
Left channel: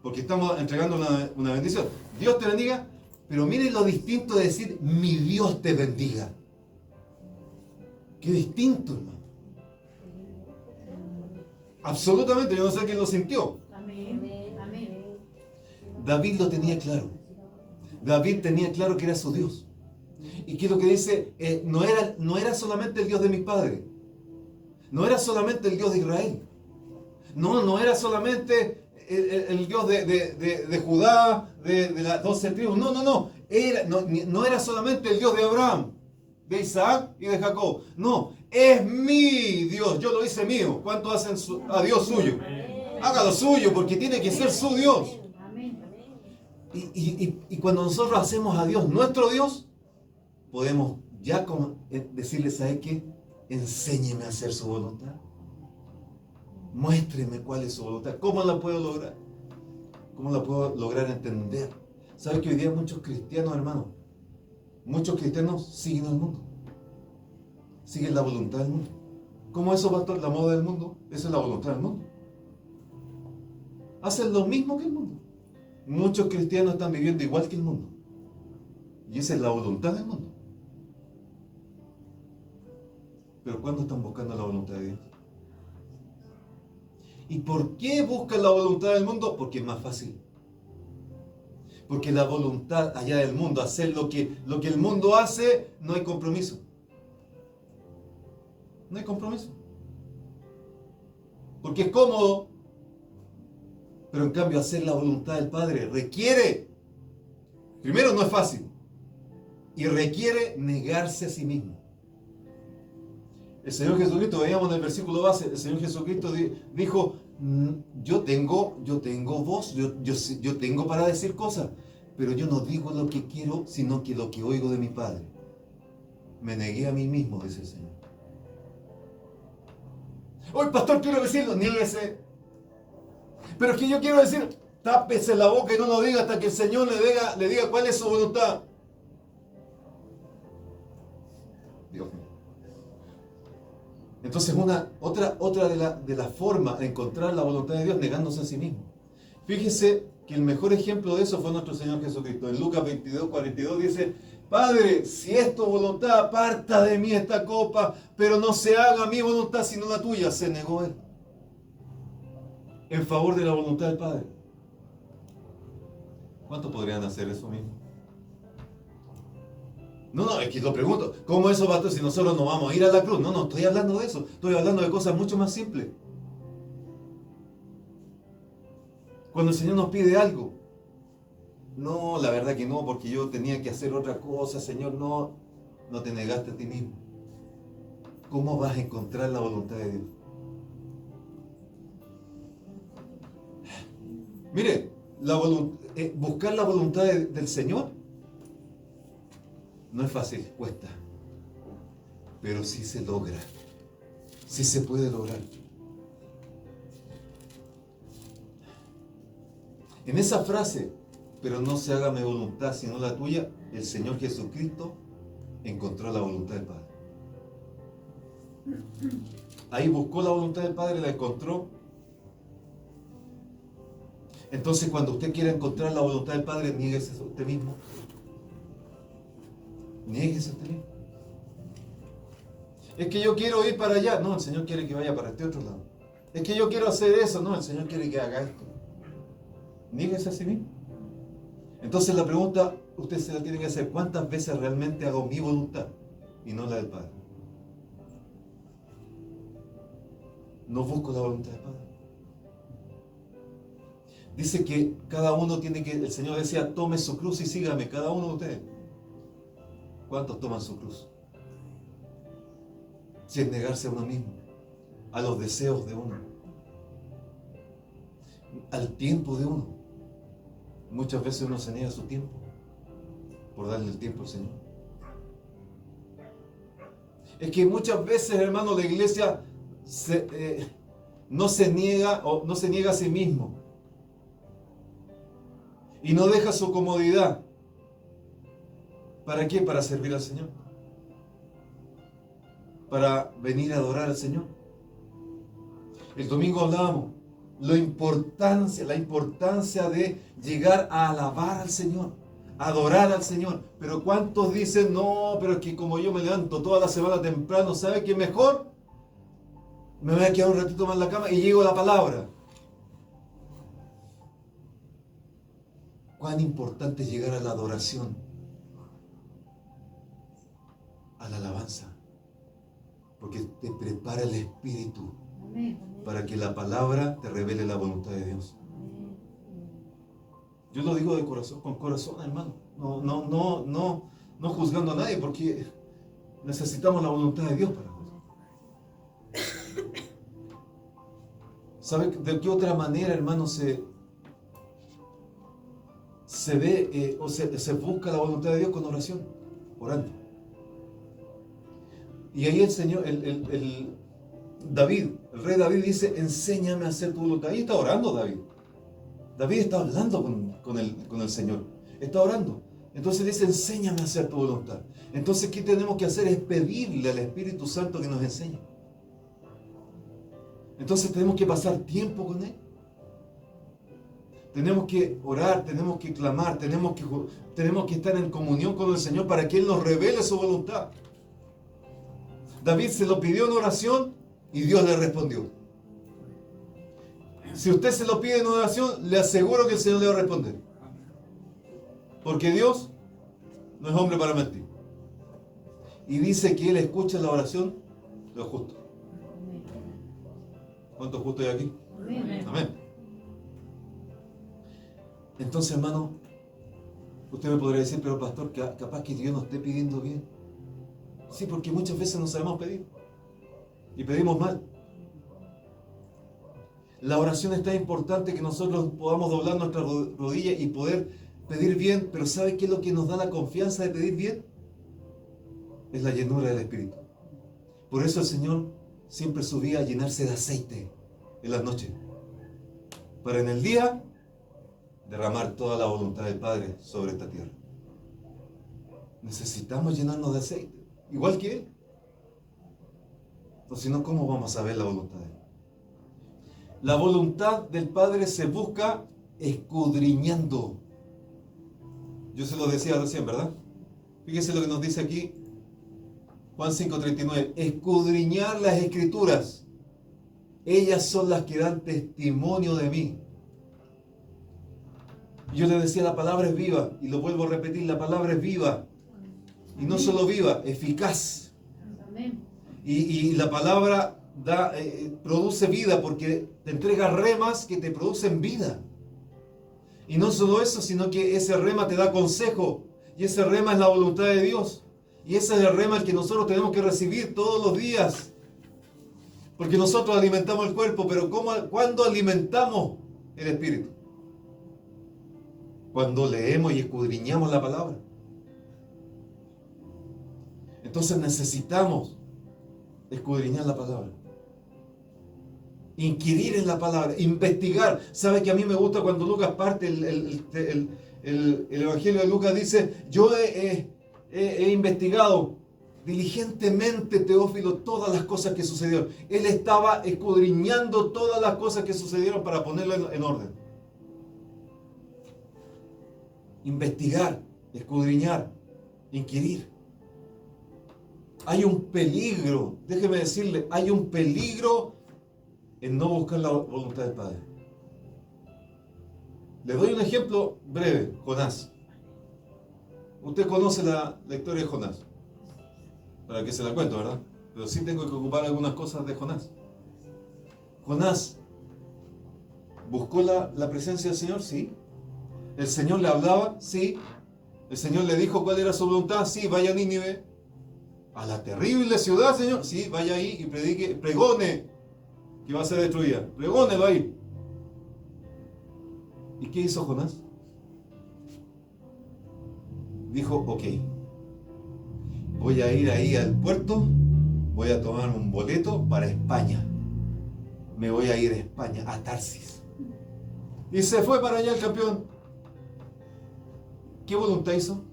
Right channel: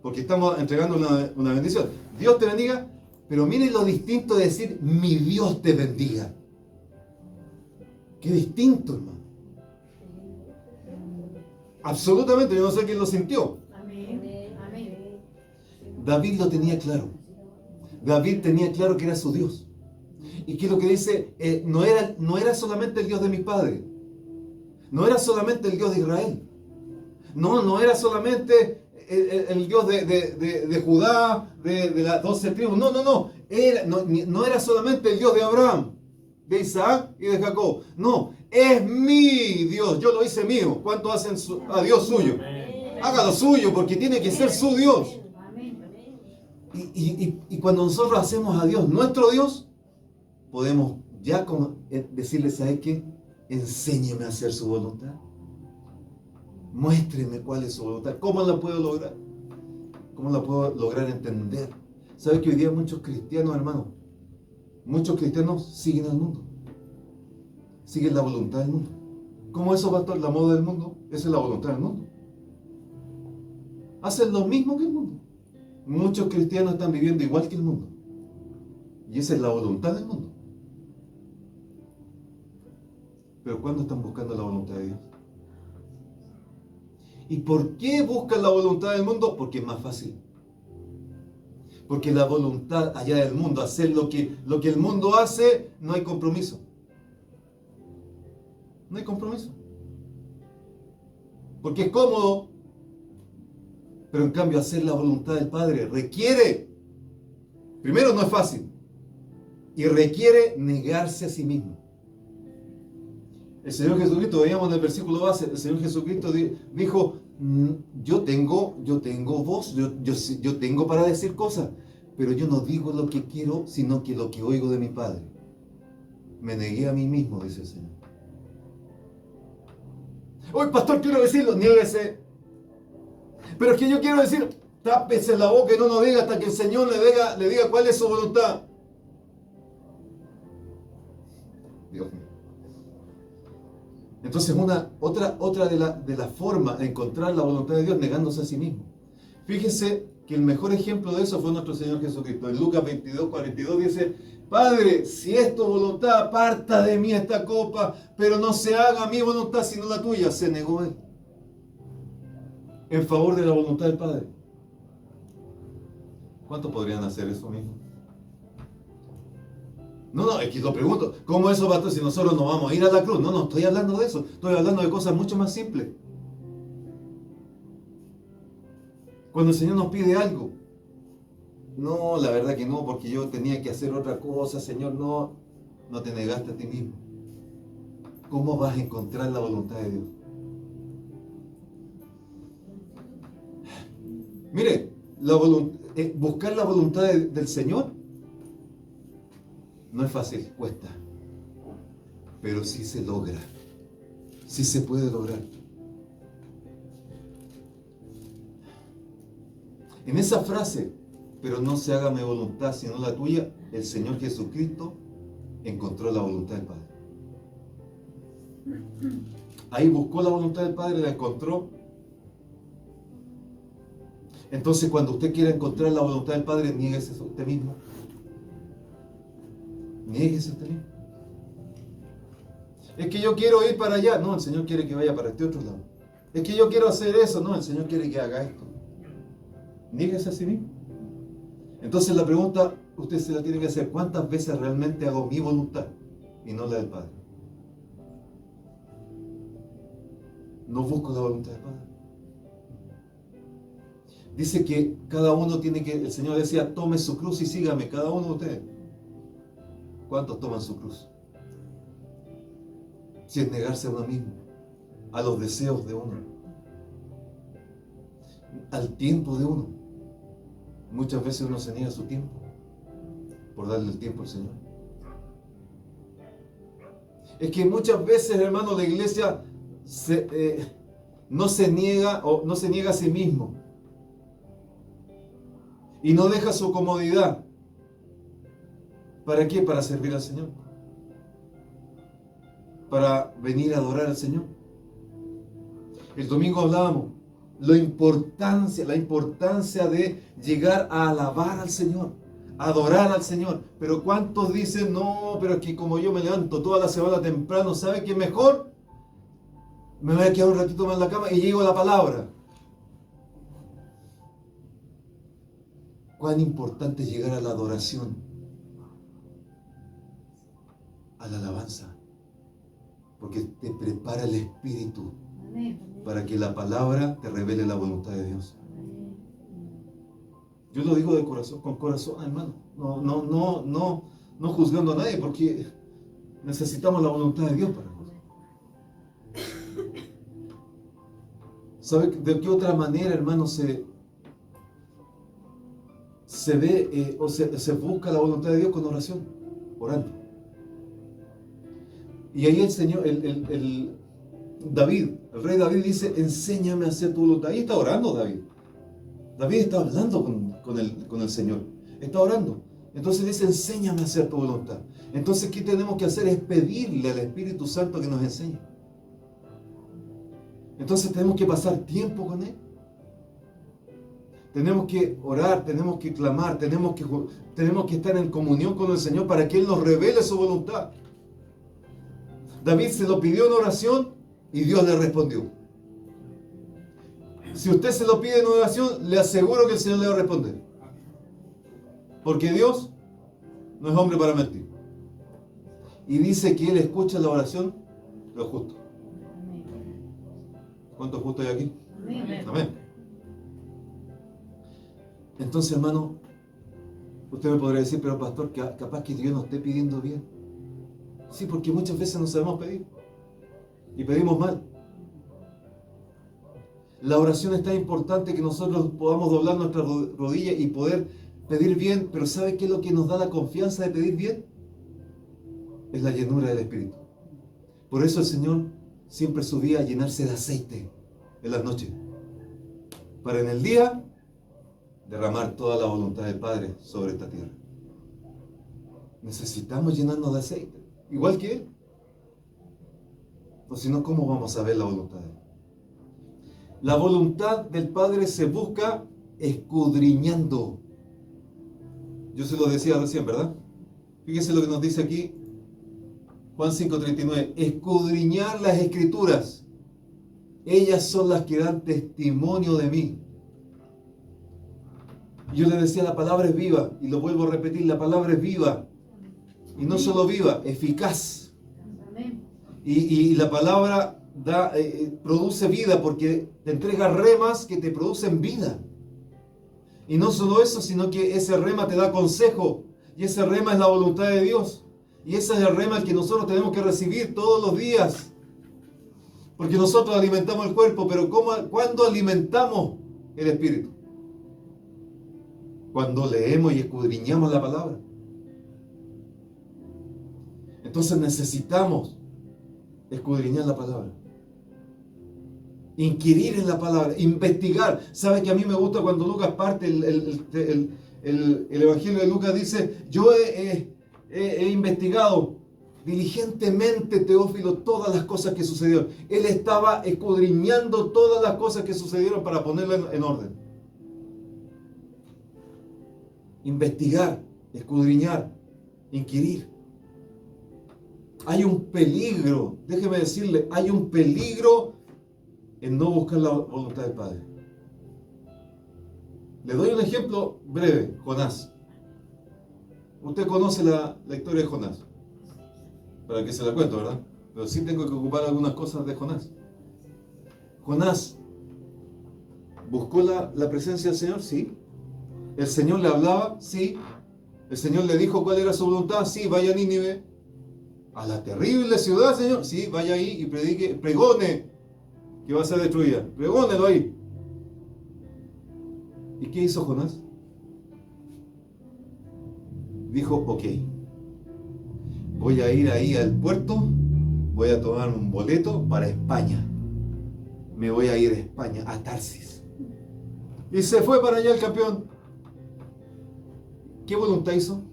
Porque estamos entregando una bendición. Dios te bendiga, pero miren lo distinto de decir, mi Dios te bendiga. Qué distinto, hermano. Absolutamente, yo no sé quién lo sintió. Amén. David lo tenía claro. David tenía claro que era su Dios. ¿Y qué es lo que dice? No era solamente el Dios de mis padres. No era solamente el Dios de Israel. No era solamente el Dios de Judá, de las 12 tribus. No era solamente el Dios de Abraham, de Isaac y de Jacob. No, es mi Dios. Yo lo hice mío. ¿Cuántos hacen a Dios suyo? Hágalo suyo, porque tiene que ser su Dios. Y cuando nosotros hacemos a Dios nuestro Dios, podemos ya decirle, ¿sabes qué? Enséñeme a hacer su voluntad. Muéstreme cuál es su voluntad. ¿Cómo la puedo lograr? ¿Cómo la puedo lograr entender? ¿Sabe que hoy día muchos cristianos, hermanos, muchos cristianos siguen al mundo? Siguen la voluntad del mundo. ¿Cómo eso, pastor? La moda del mundo. Eso es la voluntad del mundo. Hacen lo mismo que el mundo. Muchos cristianos están viviendo igual que el mundo. Y esa es la voluntad del mundo. Pero ¿cuándo están buscando la voluntad de Dios? ¿Y por qué buscan la voluntad del mundo? Porque es más fácil. Porque la voluntad allá del mundo, hacer lo que el mundo hace, no hay compromiso. No hay compromiso. Porque es cómodo. Pero en cambio hacer la voluntad del Padre requiere, primero no es fácil, y requiere negarse a sí mismo. El Señor Jesucristo, veíamos en el versículo base, el Señor Jesucristo dijo, yo tengo voz, yo tengo para decir cosas, pero yo no digo lo que quiero, sino que lo que oigo de mi Padre. Me negué a mí mismo, dice el Señor. Hoy, pastor, quiero decirlo, niéguese. Pero es que yo quiero decir, tápese la boca y no lo diga hasta que el Señor le diga cuál es su voluntad. Dios mío. Entonces, otra de las formas de encontrar la voluntad de Dios negándose a sí mismo. Fíjese que el mejor ejemplo de eso fue nuestro Señor Jesucristo. En Lucas 22:42 dice, Padre, si es tu voluntad, aparta de mí esta copa, pero no se haga mi voluntad sino la tuya. Se negó él en favor de la voluntad del Padre. ¿Cuántos podrían hacer eso mismo? No, es que lo pregunto, ¿cómo eso, pastor, si nosotros no vamos a ir a la cruz? No, estoy hablando de eso, estoy hablando de cosas mucho más simples. Cuando el Señor nos pide algo, no, la verdad que no, porque yo tenía que hacer otra cosa, Señor, no te negaste a ti mismo. ¿Cómo vas a encontrar la voluntad de Dios? Mire, buscar la voluntad del Señor no es fácil, cuesta, pero sí se logra, sí se puede lograr. En esa frase, pero no se haga mi voluntad sino la tuya, el Señor Jesucristo encontró la voluntad del Padre. Ahí buscó la voluntad del Padre, la encontró. Entonces, cuando usted quiera encontrar la voluntad del Padre, niéguese a usted mismo. Niéguese a usted mismo. Es que yo quiero ir para allá. No, el Señor quiere que vaya para este otro lado. Es que yo quiero hacer eso. No, el Señor quiere que haga esto. Niéguese a sí mismo. Entonces la pregunta, usted se la tiene que hacer: ¿cuántas veces realmente hago mi voluntad y no la del Padre? No busco la voluntad del Padre. Dice que cada uno tiene que, el Señor decía, tome su cruz y sígame, cada uno de ustedes. ¿Cuántos toman su cruz? Si es negarse a uno mismo, a los deseos de uno, al tiempo de uno. Muchas veces uno se niega a su tiempo por darle el tiempo al Señor. Es que muchas veces, hermano, la iglesia no se niega a sí mismo y no deja su comodidad. ¿Para qué? Para servir al Señor, para venir a adorar al Señor. El domingo hablábamos la importancia de llegar a alabar al Señor, adorar al Señor. Pero ¿cuántos dicen, no, pero es que como yo me levanto toda la semana temprano, ¿sabe qué mejor? Me voy a quedar un ratito más en la cama y llego a la palabra. Cuán importante es llegar a la adoración, a la alabanza, porque te prepara el espíritu para que la palabra te revele la voluntad de Dios. Yo lo digo de corazón, con corazón, hermano, no juzgando a nadie, porque necesitamos la voluntad de Dios para juzgar. ¿Sabe de qué otra manera, hermano, se ve o se busca la voluntad de Dios? Con oración, orando? Y ahí el Señor, David, el rey David dice, enséñame a hacer tu voluntad. Ahí está orando David. David está hablando con el Señor. Está orando. Entonces dice, enséñame a hacer tu voluntad. Entonces, ¿qué tenemos que hacer? Es pedirle al Espíritu Santo que nos enseñe. Entonces tenemos que pasar tiempo con Él. Tenemos que orar, tenemos que clamar, tenemos que estar en comunión con el Señor para que Él nos revele su voluntad. David se lo pidió en oración y Dios le respondió. Si usted se lo pide en oración, le aseguro que el Señor le va a responder. Porque Dios no es hombre para mentir. Y dice que Él escucha la oración de los justos. ¿Cuántos justos hay aquí? Amén. Amén. Entonces, hermano, usted me podría decir, pero pastor, capaz que Dios no esté pidiendo bien. Sí, porque muchas veces no sabemos pedir. Y pedimos mal. La oración es tan importante que nosotros podamos doblar nuestras rodillas y poder pedir bien, pero ¿sabe qué es lo que nos da la confianza de pedir bien? Es la llenura del Espíritu. Por eso el Señor siempre subía a llenarse de aceite en las noches, para en el día derramar toda la voluntad del Padre sobre esta tierra. Necesitamos llenarnos de aceite, igual que Él. O si no, ¿cómo vamos a ver la voluntad de Él? La voluntad del Padre se busca escudriñando. Yo se lo decía recién, ¿verdad? Fíjese lo que nos dice aquí Juan 5:39. Escudriñar las Escrituras. Ellas son las que dan testimonio de mí. Yo le decía, la palabra es viva, y lo vuelvo a repetir, la palabra es viva. Y no solo viva, eficaz. Amén. Y la palabra produce vida porque te entrega remas que te producen vida. Y no solo eso, sino que ese rema te da consejo. Y ese rema es la voluntad de Dios. Y ese es el rema el que nosotros tenemos que recibir todos los días. Porque nosotros alimentamos el cuerpo, pero ¿cuándo alimentamos el espíritu? Cuando leemos y escudriñamos la palabra. Entonces necesitamos escudriñar la palabra. Inquirir en la palabra, investigar. ¿Sabe que a mí me gusta cuando Lucas parte el Evangelio de Lucas? Dice, yo he investigado diligentemente, Teófilo, todas las cosas que sucedieron. Él estaba escudriñando todas las cosas que sucedieron para ponerlas en orden. Investigar, escudriñar, inquirir. Hay un peligro, déjeme decirle, hay un peligro en no buscar la voluntad del Padre. Le doy un ejemplo breve, Jonás. Usted conoce la historia de Jonás. Para que se la cuento, ¿verdad? Pero sí tengo que ocupar algunas cosas de Jonás. Jonás buscó la presencia del Señor, sí. El Señor le hablaba, sí. El Señor le dijo cuál era su voluntad, sí, vaya a Nínive, a la terrible ciudad, Señor, sí, vaya ahí y predique, pregone que va a ser destruida. Pregónelo ahí. ¿Y qué hizo Jonás? Dijo, ok, voy a ir ahí al puerto, voy a tomar un boleto para España. Me voy a ir a España, a Tarsis. Y se fue para allá el campeón. ¿Qué voluntad hizo?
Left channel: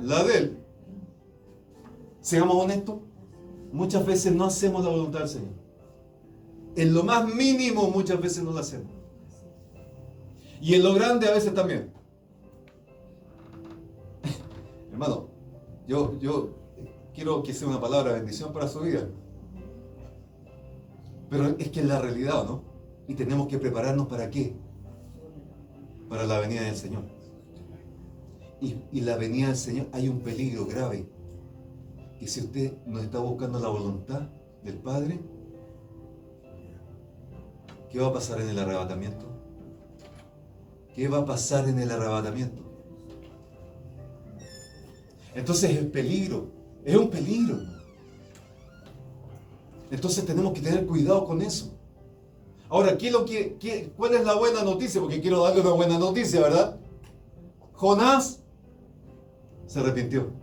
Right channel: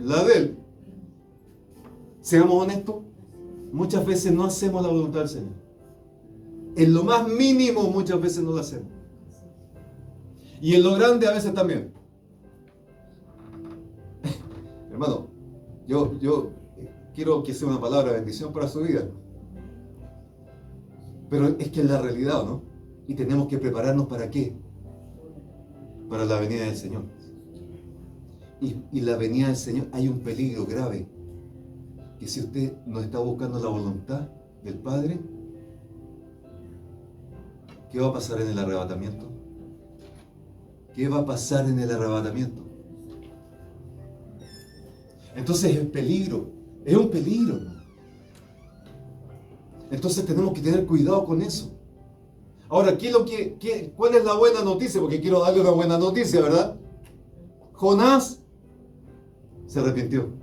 La de él. Seamos honestos, muchas veces no hacemos la voluntad del Señor. En lo más mínimo muchas veces no la hacemos. Y en lo grande a veces también. Hermano, yo quiero que sea una palabra de bendición para su vida. Pero es que es la realidad, ¿no? Y tenemos que prepararnos ¿para qué? Para la venida del Señor. Y la venida del Señor, hay un peligro grave. Que si usted no está buscando la voluntad del Padre, ¿qué va a pasar en el arrebatamiento? ¿Qué va a pasar en el arrebatamiento? Entonces es peligro, es un peligro. Entonces tenemos que tener cuidado con eso. Ahora, ¿cuál es la buena noticia? Porque quiero darle una buena noticia, ¿verdad? Jonás se arrepintió.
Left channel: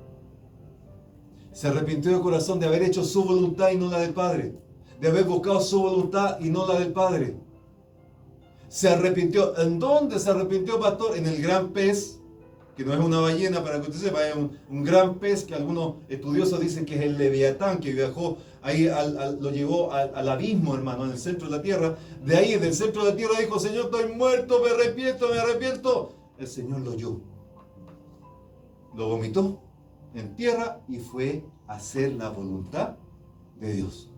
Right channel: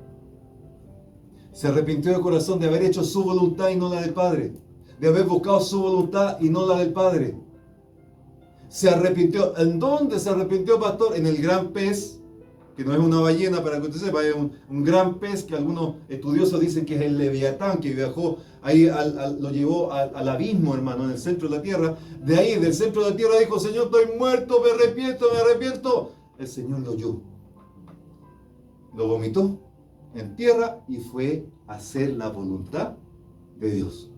Se arrepintió de corazón de haber hecho su voluntad y no la del Padre. De haber buscado su voluntad y no la del Padre. Se arrepintió. ¿En dónde se arrepintió, pastor? En el gran pez, que no es una ballena, para que usted sepa, es un gran pez que algunos estudiosos dicen que es el Leviatán, que viajó ahí, lo llevó al abismo, hermano, en el centro de la tierra. De ahí, del centro de la tierra, dijo, Señor, estoy muerto, me arrepiento. El Señor lo oyó. Lo vomitó en tierra y fue a hacer la voluntad de Dios.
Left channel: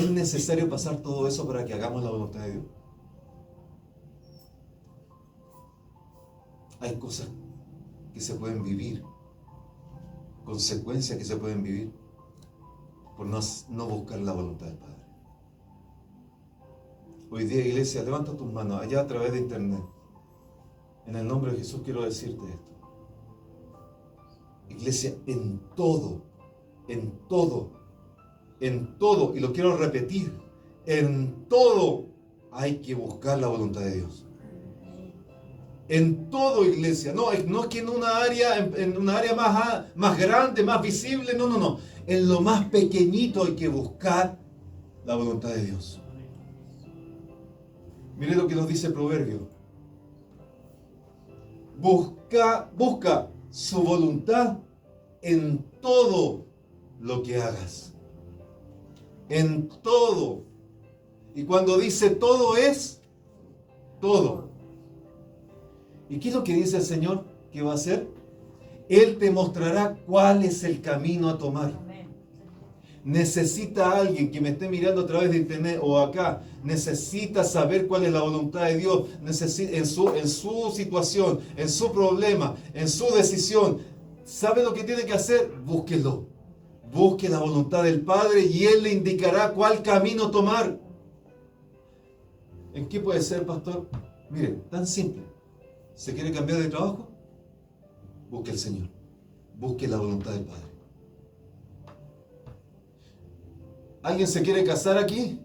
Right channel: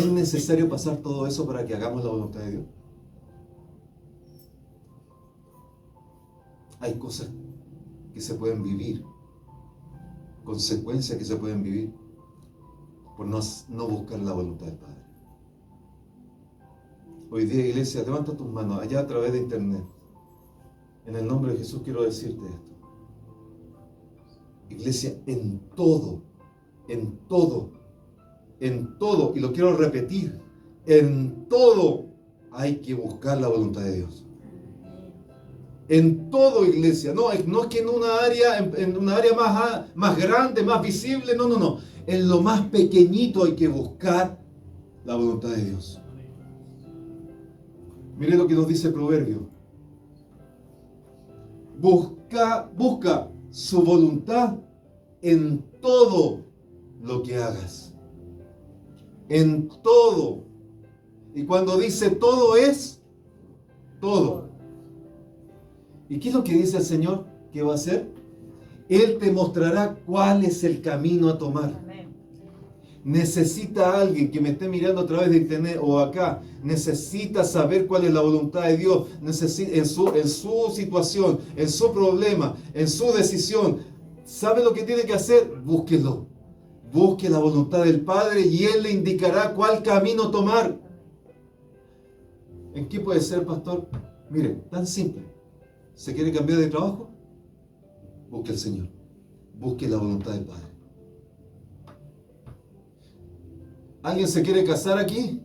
¿Es necesario pasar todo eso para que hagamos la voluntad de Dios? Hay cosas que se pueden vivir, consecuencias que se pueden vivir por no buscar la voluntad del Padre. Hoy día, iglesia, levanta tus manos allá a través de internet. En el nombre de Jesús quiero decirte esto. Iglesia, en todo, y lo quiero repetir, en todo hay que buscar la voluntad de Dios. En todo, iglesia. No es que en una área más grande, más visible, no. En lo más pequeñito hay que buscar la voluntad de Dios. Mire lo que nos dice el Proverbio. Busca su voluntad en todo lo que hagas. En todo. Y cuando dice todo es todo. ¿Y qué es lo que dice el Señor que va a hacer? Él te mostrará cuál es el camino a tomar. Necesita alguien que me esté mirando a través de internet o acá, necesita saber cuál es la voluntad de Dios, en su situación, en su problema, en su decisión. ¿Sabe lo que tiene que hacer? Búsquelo. Busque la voluntad del Padre y Él le indicará cuál camino tomar. ¿En qué puede ser, pastor? Mire, tan simple. ¿Se quiere cambiar de trabajo? Busque al Señor. Busque la voluntad del Padre. ¿Alguien se quiere casar aquí?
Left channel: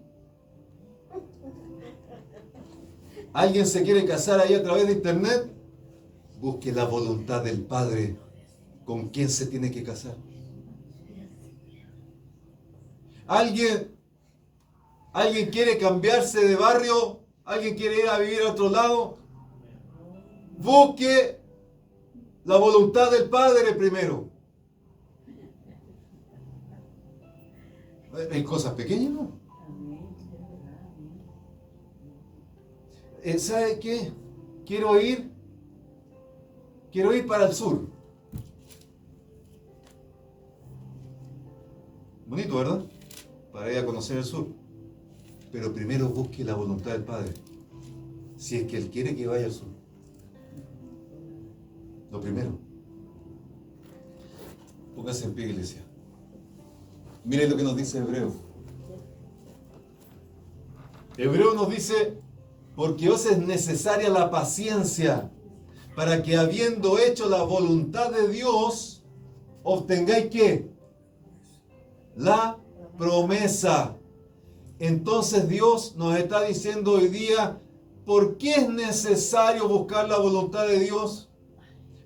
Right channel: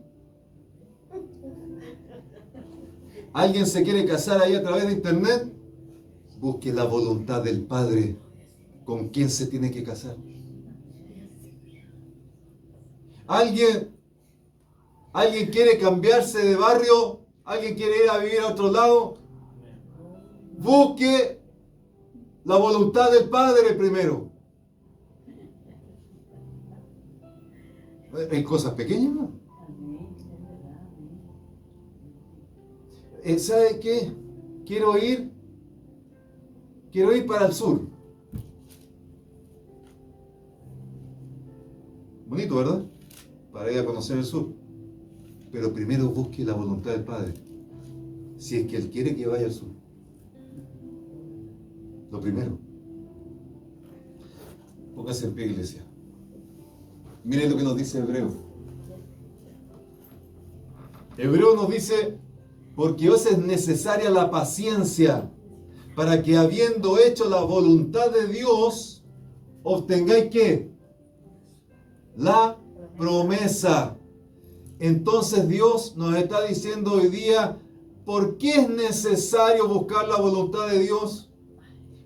¿Alguien se quiere casar ahí a través de internet? Busque la voluntad del Padre. ¿Con quién se tiene que casar? ¿Alguien quiere cambiarse de barrio? ¿Alguien quiere ir a vivir a otro lado? Busque la voluntad del Padre primero. Hay cosas pequeñas, ¿no? ¿Sabe qué? Quiero ir para el sur. Bonito, ¿verdad? Para ir a conocer el sur. Pero primero busque la voluntad del Padre. Si es que Él quiere que vaya al sur. Lo primero. Póngase en pie, iglesia. Miren lo que nos dice Hebreo. Hebreo nos dice, porque os es necesaria la paciencia, para que habiendo hecho la voluntad de Dios, obtengáis ¿qué? La promesa. Entonces Dios nos está diciendo hoy día, ¿por qué es necesario buscar la voluntad de Dios?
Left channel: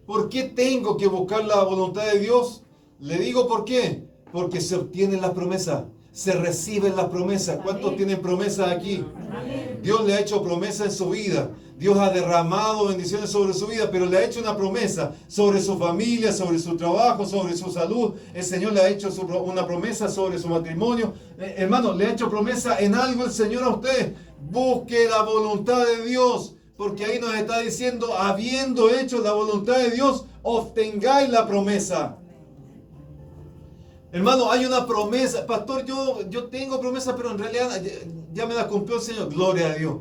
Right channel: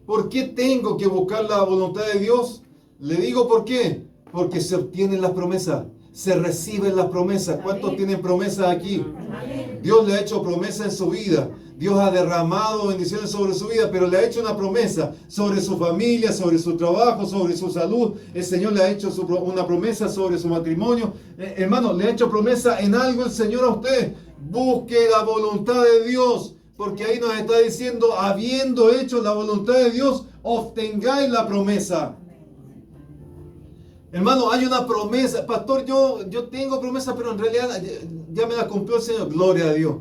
¿Por qué tengo que buscar la voluntad de Dios? Le digo por qué. Porque se obtienen las promesas, se reciben las promesas. ¿Cuántos tienen promesas aquí? Amén. Dios le ha hecho promesas en su vida. Dios ha derramado bendiciones sobre su vida, pero le ha hecho una promesa sobre su familia, sobre su trabajo, sobre su salud. El Señor le ha hecho una promesa sobre su matrimonio. Hermano, le ha hecho promesa en algo el Señor a usted. Busque la voluntad de Dios, porque ahí nos está diciendo, habiendo hecho la voluntad de Dios, obtengáis la promesa. Hermano, hay una promesa. Pastor, yo tengo promesa, pero en realidad ya me la cumplió el Señor. Gloria a Dios.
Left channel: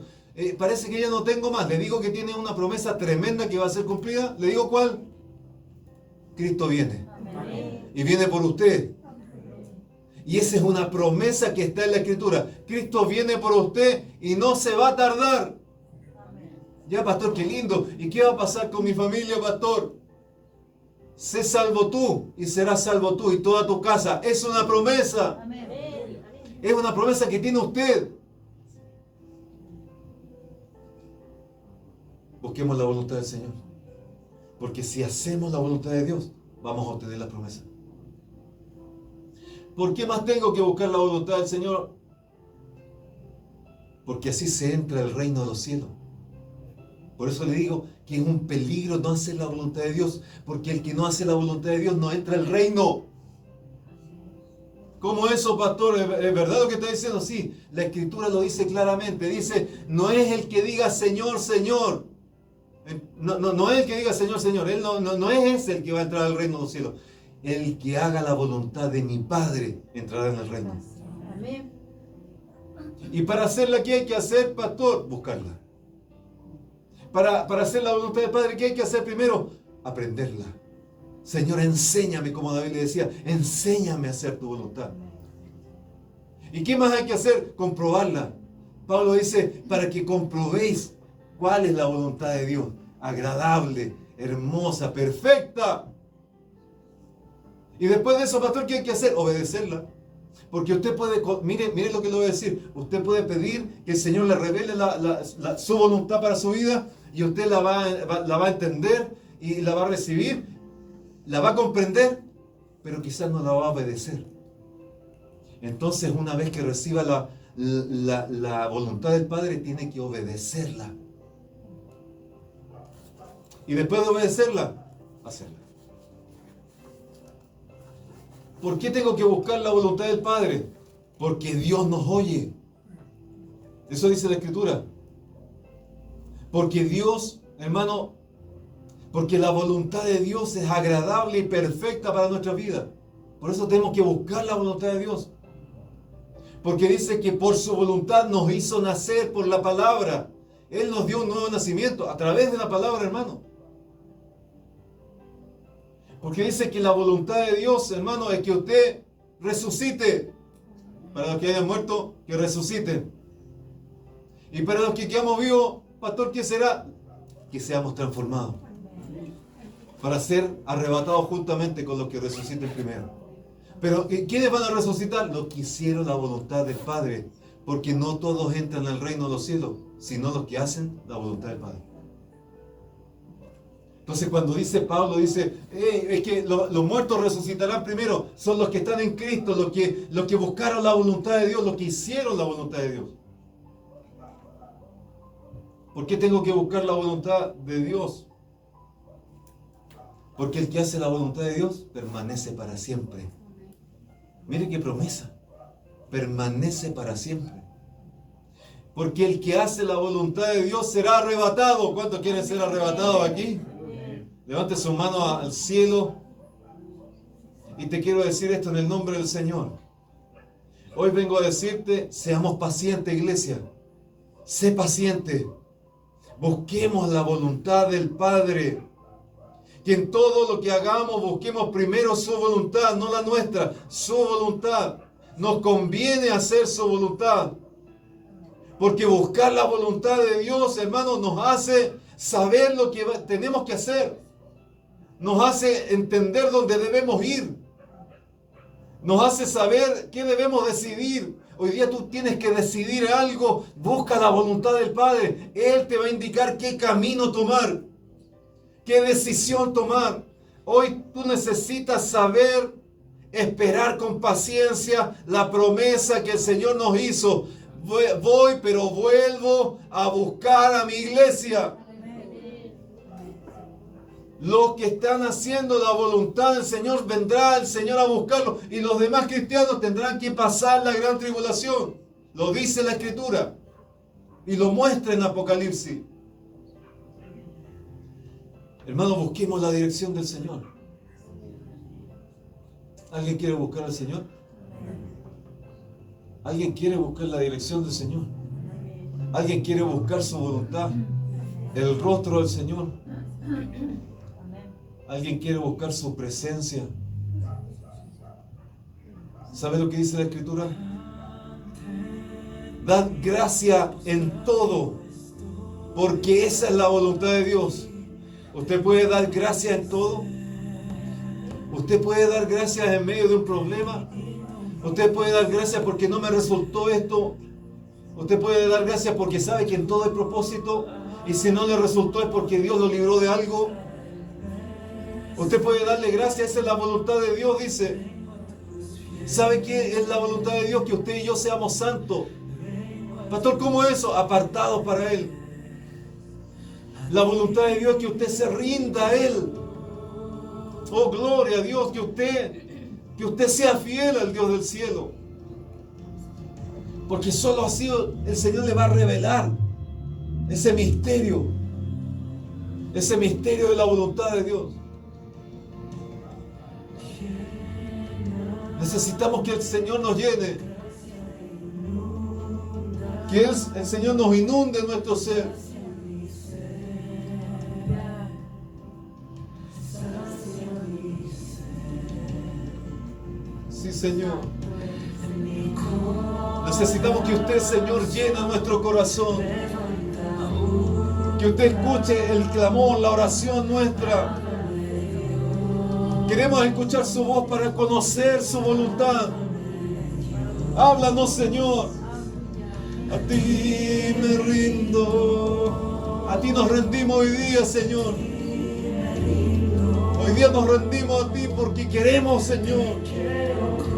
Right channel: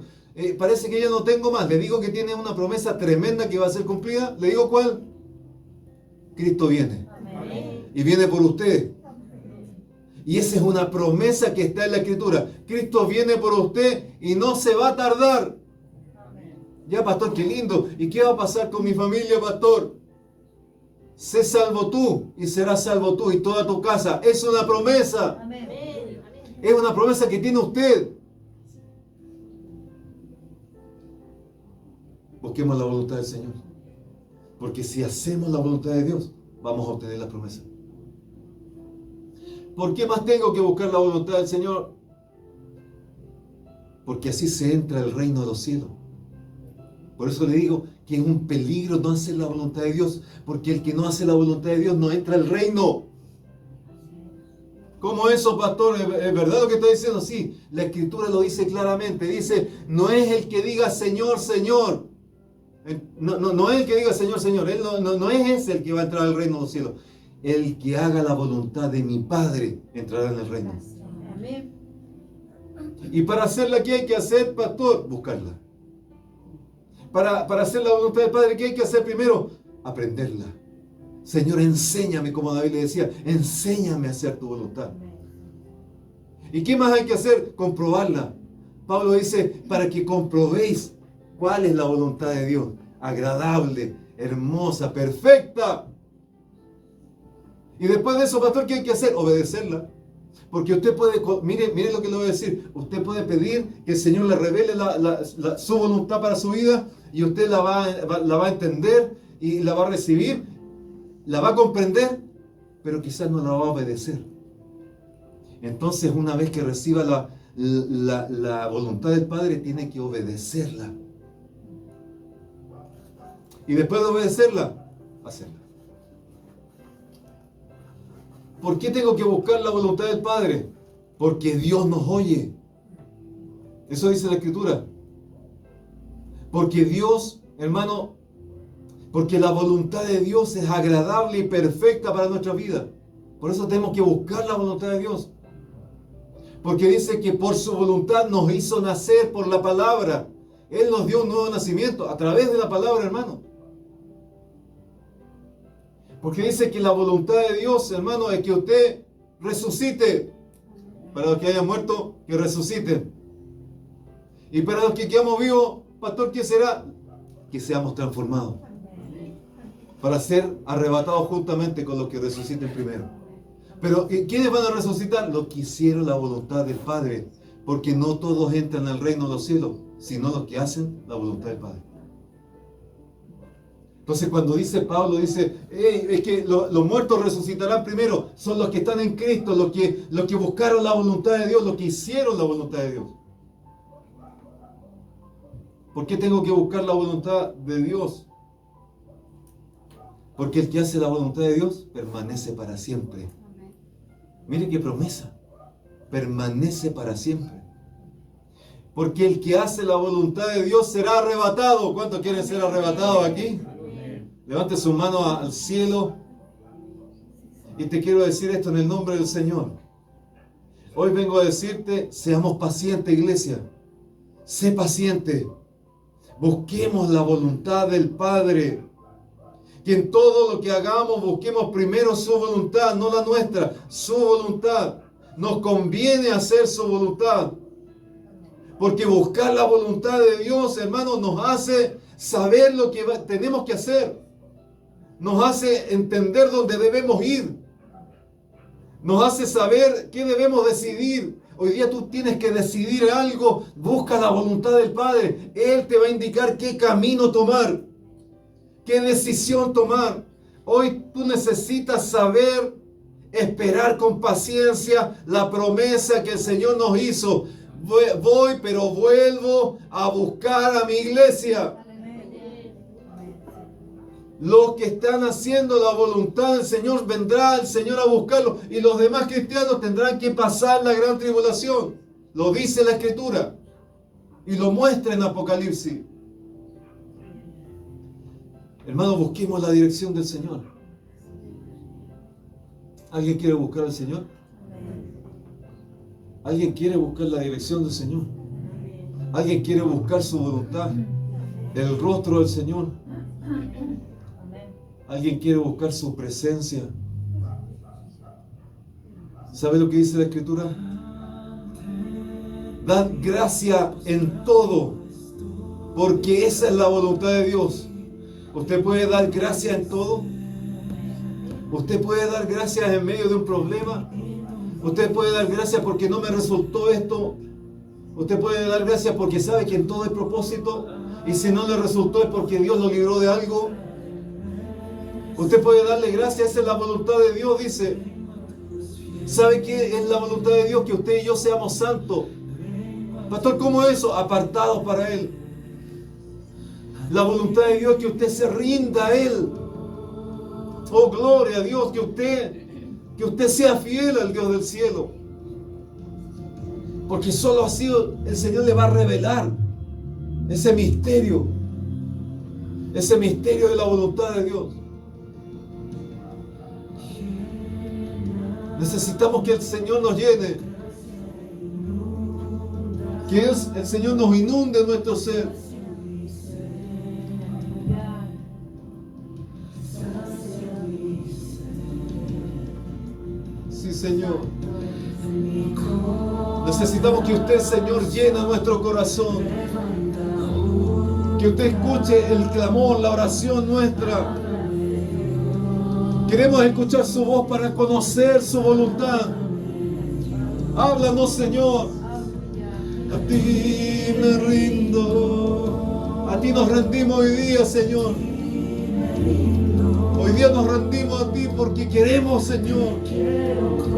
Parece que ya no tengo más. Le digo que tiene una promesa tremenda que va a ser cumplida. ¿Le digo cuál? Cristo viene. Amén. Y viene por usted. Y esa es una promesa que está en la Escritura. Cristo viene por usted y no se va a tardar. Amén. Ya, pastor, qué lindo. ¿Y qué va a pasar con mi familia, pastor? Sé salvo tú y serás salvo tú y toda tu casa. Es una promesa. Amén. Es una promesa que tiene usted. Busquemos la voluntad del Señor. Porque si hacemos la voluntad de Dios, vamos a obtener la promesa. ¿Por qué más tengo que buscar la voluntad del Señor? Porque así se entra al reino de los cielos. Por eso le digo que es un peligro no hacer la voluntad de Dios, porque el que no hace la voluntad de Dios no entra al reino. ¿Cómo eso, pastor? ¿Es verdad lo que está diciendo? Sí, la Escritura lo dice claramente. Dice, no es el que diga Señor, Señor. No es el que diga Señor, Señor. Él no es ese el que va a entrar al reino de los cielos. El que haga la voluntad de mi Padre entrará en el reino. Amén. Y para hacerla, ¿qué hay que hacer, pastor? Buscarla. Para hacer la voluntad del Padre, ¿qué hay que hacer primero? Aprenderla. Señor, enséñame, como David le decía, enséñame a hacer tu voluntad. ¿Y qué más hay que hacer? Comprobarla. Pablo dice, para que comprobéis cuál es la voluntad de Dios. Agradable, hermosa, perfecta. Y después de eso, pastor, ¿qué hay que hacer? Obedecerla. Porque usted puede, mire lo que le voy a decir, usted puede pedir que el Señor le revele su voluntad para su vida y usted la va a entender y la va a recibir, la va a comprender, pero quizás no la va a obedecer. Entonces, una vez que reciba la voluntad del Padre, tiene que obedecerla. Y después de obedecerla, hacerla. ¿Por qué tengo que buscar la voluntad del Padre? Porque Dios nos oye. Eso dice la Escritura. Porque Dios, hermano, porque la voluntad de Dios es agradable y perfecta para nuestra vida. Por eso tenemos que buscar la voluntad de Dios. Porque dice que por su voluntad nos hizo nacer por la palabra. Él nos dio un nuevo nacimiento a través de la palabra, hermano. Porque dice que la voluntad de Dios, hermano, es que usted resucite. Para los que hayan muerto, que resuciten. Y para los que quedamos vivos, pastor, ¿qué será? Que seamos transformados. Para ser arrebatados juntamente con los que resuciten primero. Pero ¿quiénes van a resucitar? Los que hicieron la voluntad del Padre. Porque no todos entran al reino de los cielos, sino los que hacen la voluntad del Padre. Entonces cuando dice Pablo, dice, es que los muertos resucitarán primero, son los que están en Cristo, los que buscaron la voluntad de Dios, los que hicieron la voluntad de Dios. ¿Por qué tengo que buscar la voluntad de Dios? Porque el que hace la voluntad de Dios permanece para siempre. Mire qué promesa, permanece para siempre. Porque el que hace la voluntad de Dios será arrebatado. ¿Cuántos quieren ser arrebatados aquí? Levante su mano al cielo y te quiero decir esto en el nombre del Señor. Hoy vengo a decirte, seamos pacientes, iglesia. Sé paciente. Busquemos la voluntad del Padre. Que en todo lo que hagamos busquemos primero su voluntad, no la nuestra, su voluntad. Nos conviene hacer su voluntad. Porque buscar la voluntad de Dios, hermanos, nos hace saber lo que tenemos que hacer. Nos hace entender dónde debemos ir. Nos hace saber qué debemos decidir. Hoy día tú tienes que decidir algo. Busca la voluntad del Padre. Él te va a indicar qué camino tomar. Qué decisión tomar. Hoy tú necesitas saber esperar con paciencia la promesa que el Señor nos hizo. Voy, pero vuelvo a buscar a mi iglesia. Los que están haciendo la voluntad del Señor, vendrá el Señor a buscarlos. Y los demás cristianos tendrán que pasar la gran tribulación. Lo dice la Escritura. Y lo muestra en Apocalipsis. Hermanos, busquemos la dirección del Señor. ¿Alguien quiere buscar al Señor? ¿Alguien quiere buscar la dirección del Señor? ¿Alguien quiere buscar su voluntad? El rostro del Señor. ¿Alguien quiere buscar su presencia? ¿Sabe lo que dice la Escritura? Dad gracia en todo, porque esa es la voluntad de Dios. ¿Usted puede dar gracia en todo? ¿Usted puede dar gracias en medio de un problema? ¿Usted puede dar gracias porque no me resultó esto? ¿Usted puede dar gracias porque sabe que en todo hay propósito? Y si no le resultó es porque Dios lo libró de algo. Usted puede darle gracias, esa es la voluntad de Dios, dice. ¿Sabe qué es la voluntad de Dios? Que usted y yo seamos santos. Pastor, ¿cómo es eso? Apartados para Él. La voluntad de Dios es que usted se rinda a Él. Oh, gloria a Dios, que usted sea fiel al Dios del cielo. Porque solo así el Señor le va a revelar ese misterio de la voluntad de Dios. Necesitamos que el Señor nos llene. Que el Señor nos inunde nuestro ser. Sí, Señor. Necesitamos que usted, Señor, llene nuestro corazón. Que usted escuche el clamor, la oración nuestra. Queremos escuchar su voz para conocer su voluntad. Háblanos, Señor. A ti me rindo. A ti nos rendimos hoy día, Señor. Hoy día nos rendimos a ti porque queremos, Señor,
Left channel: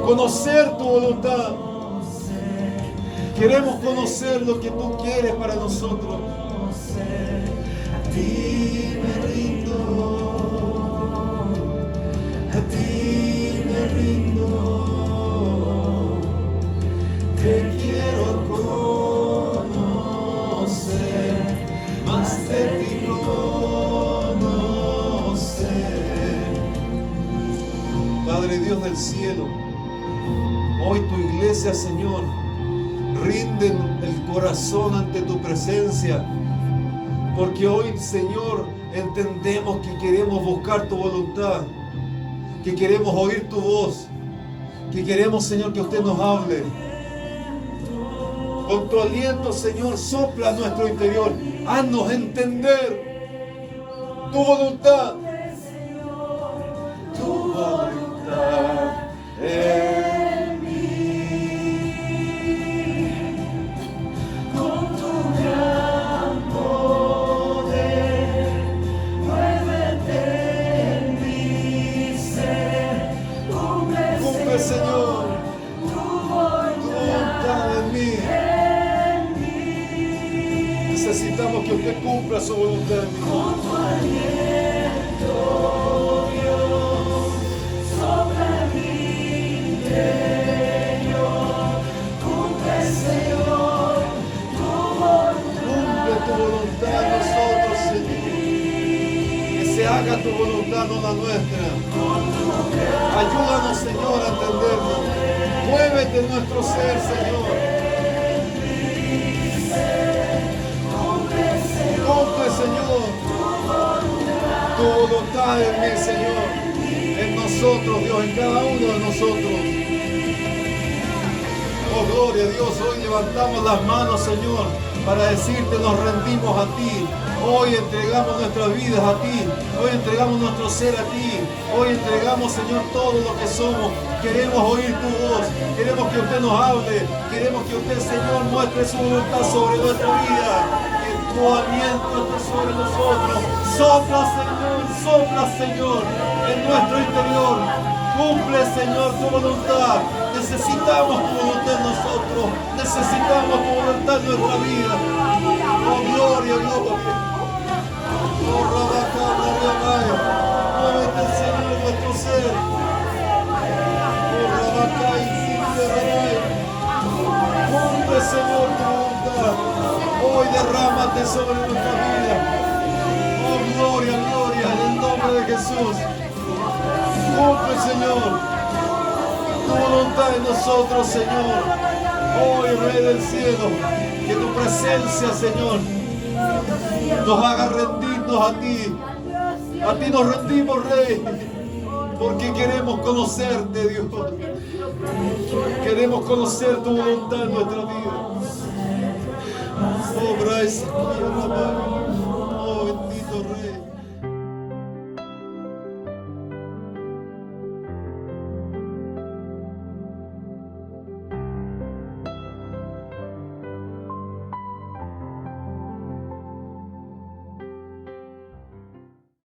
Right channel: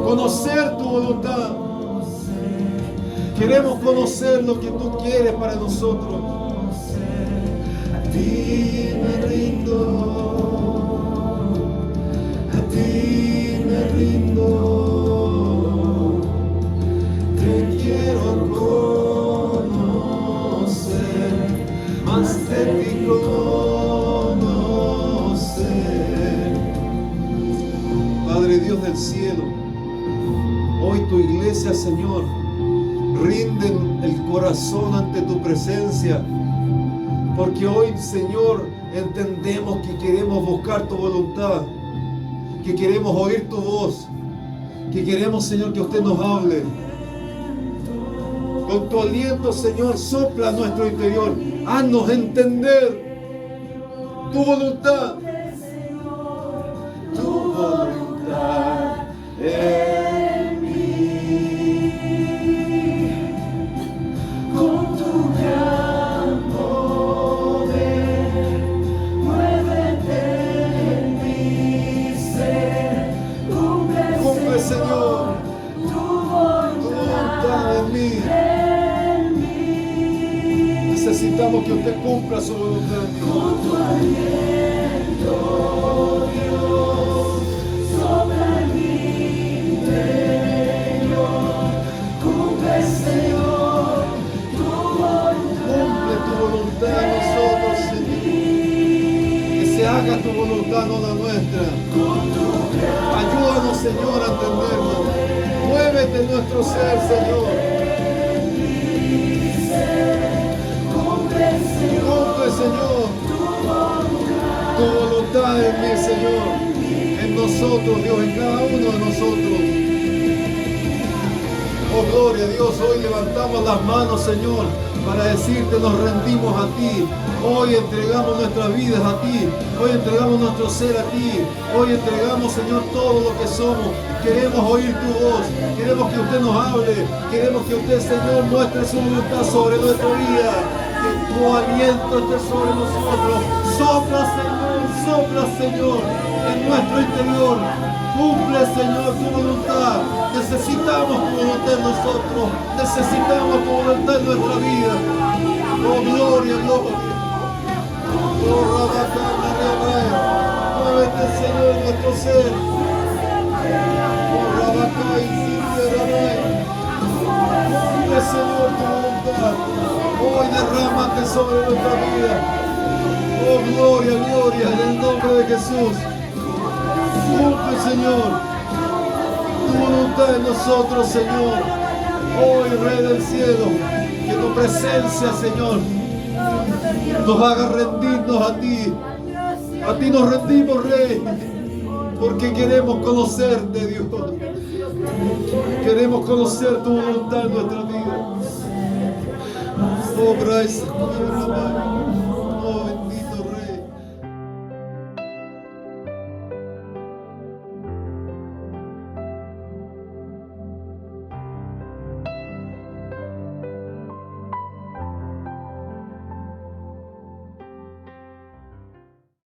conocer tu voluntad. Queremos conocer lo que tú quieres para nosotros. A ti me rindo. A ti me rindo. Te quiero conocer, más de ti conocer. Padre Dios del cielo, hoy tu iglesia, Señor, rinde el corazón ante tu presencia, porque hoy, Señor, entendemos que queremos buscar tu voluntad, que queremos oír tu voz, que queremos, Señor, que usted nos hable. Con tu aliento, Señor, sopla a nuestro interior. Haznos entender tu voluntad. Tu voluntad en mí. Con tu gran poder, muévete en mi ser. Cumple, Señor, tu voluntad en mí. Necesitamos que usted cumpla su voluntad. Con tu aliento, Dios, sopla en mi interior. Cumple, Señor, tu voluntad. Cumple tu voluntad en nosotros, Señor. Que se haga tu voluntad, no la nuestra. Ayúdanos, Señor, a entenderlo. Muévete en nuestro ser, Señor. Cumple, Señor, tu voluntad en mí, Señor, en nosotros, Dios, en cada uno de nosotros. Oh, gloria a Dios, hoy levantamos las manos, Señor, para decirte, nos rendimos a ti. Hoy entregamos nuestras vidas a ti. Hoy entregamos nuestro ser a ti. Hoy entregamos, Señor, todo lo que somos. Queremos oír tu voz. Queremos que usted nos hable. Queremos que usted, Señor, muestre su voluntad sobre nuestra vida. Tu aliento esté sobre nosotros. Sopla, Señor, en nuestro interior. Cumple, Señor, tu voluntad. Necesitamos tu voluntad en nosotros. Necesitamos tu voluntad en nuestra vida. Oh, gloria, gloria. Oh, Rabacana, muévete, Señor, en nuestro ser. Oh, Rabacay, cumple, Señor, tu voluntad. Hoy derrámate sobre nuestra vida. Oh, gloria, gloria, en el nombre de Jesús. Cumple, Señor, tu voluntad en nosotros, Señor. Hoy, Rey del cielo, que tu presencia, Señor, nos haga rendirnos a ti. A ti nos rendimos, Rey, porque queremos conocerte, Dios. Queremos conocer tu voluntad en nuestra vida. Oh, gracias, Señor.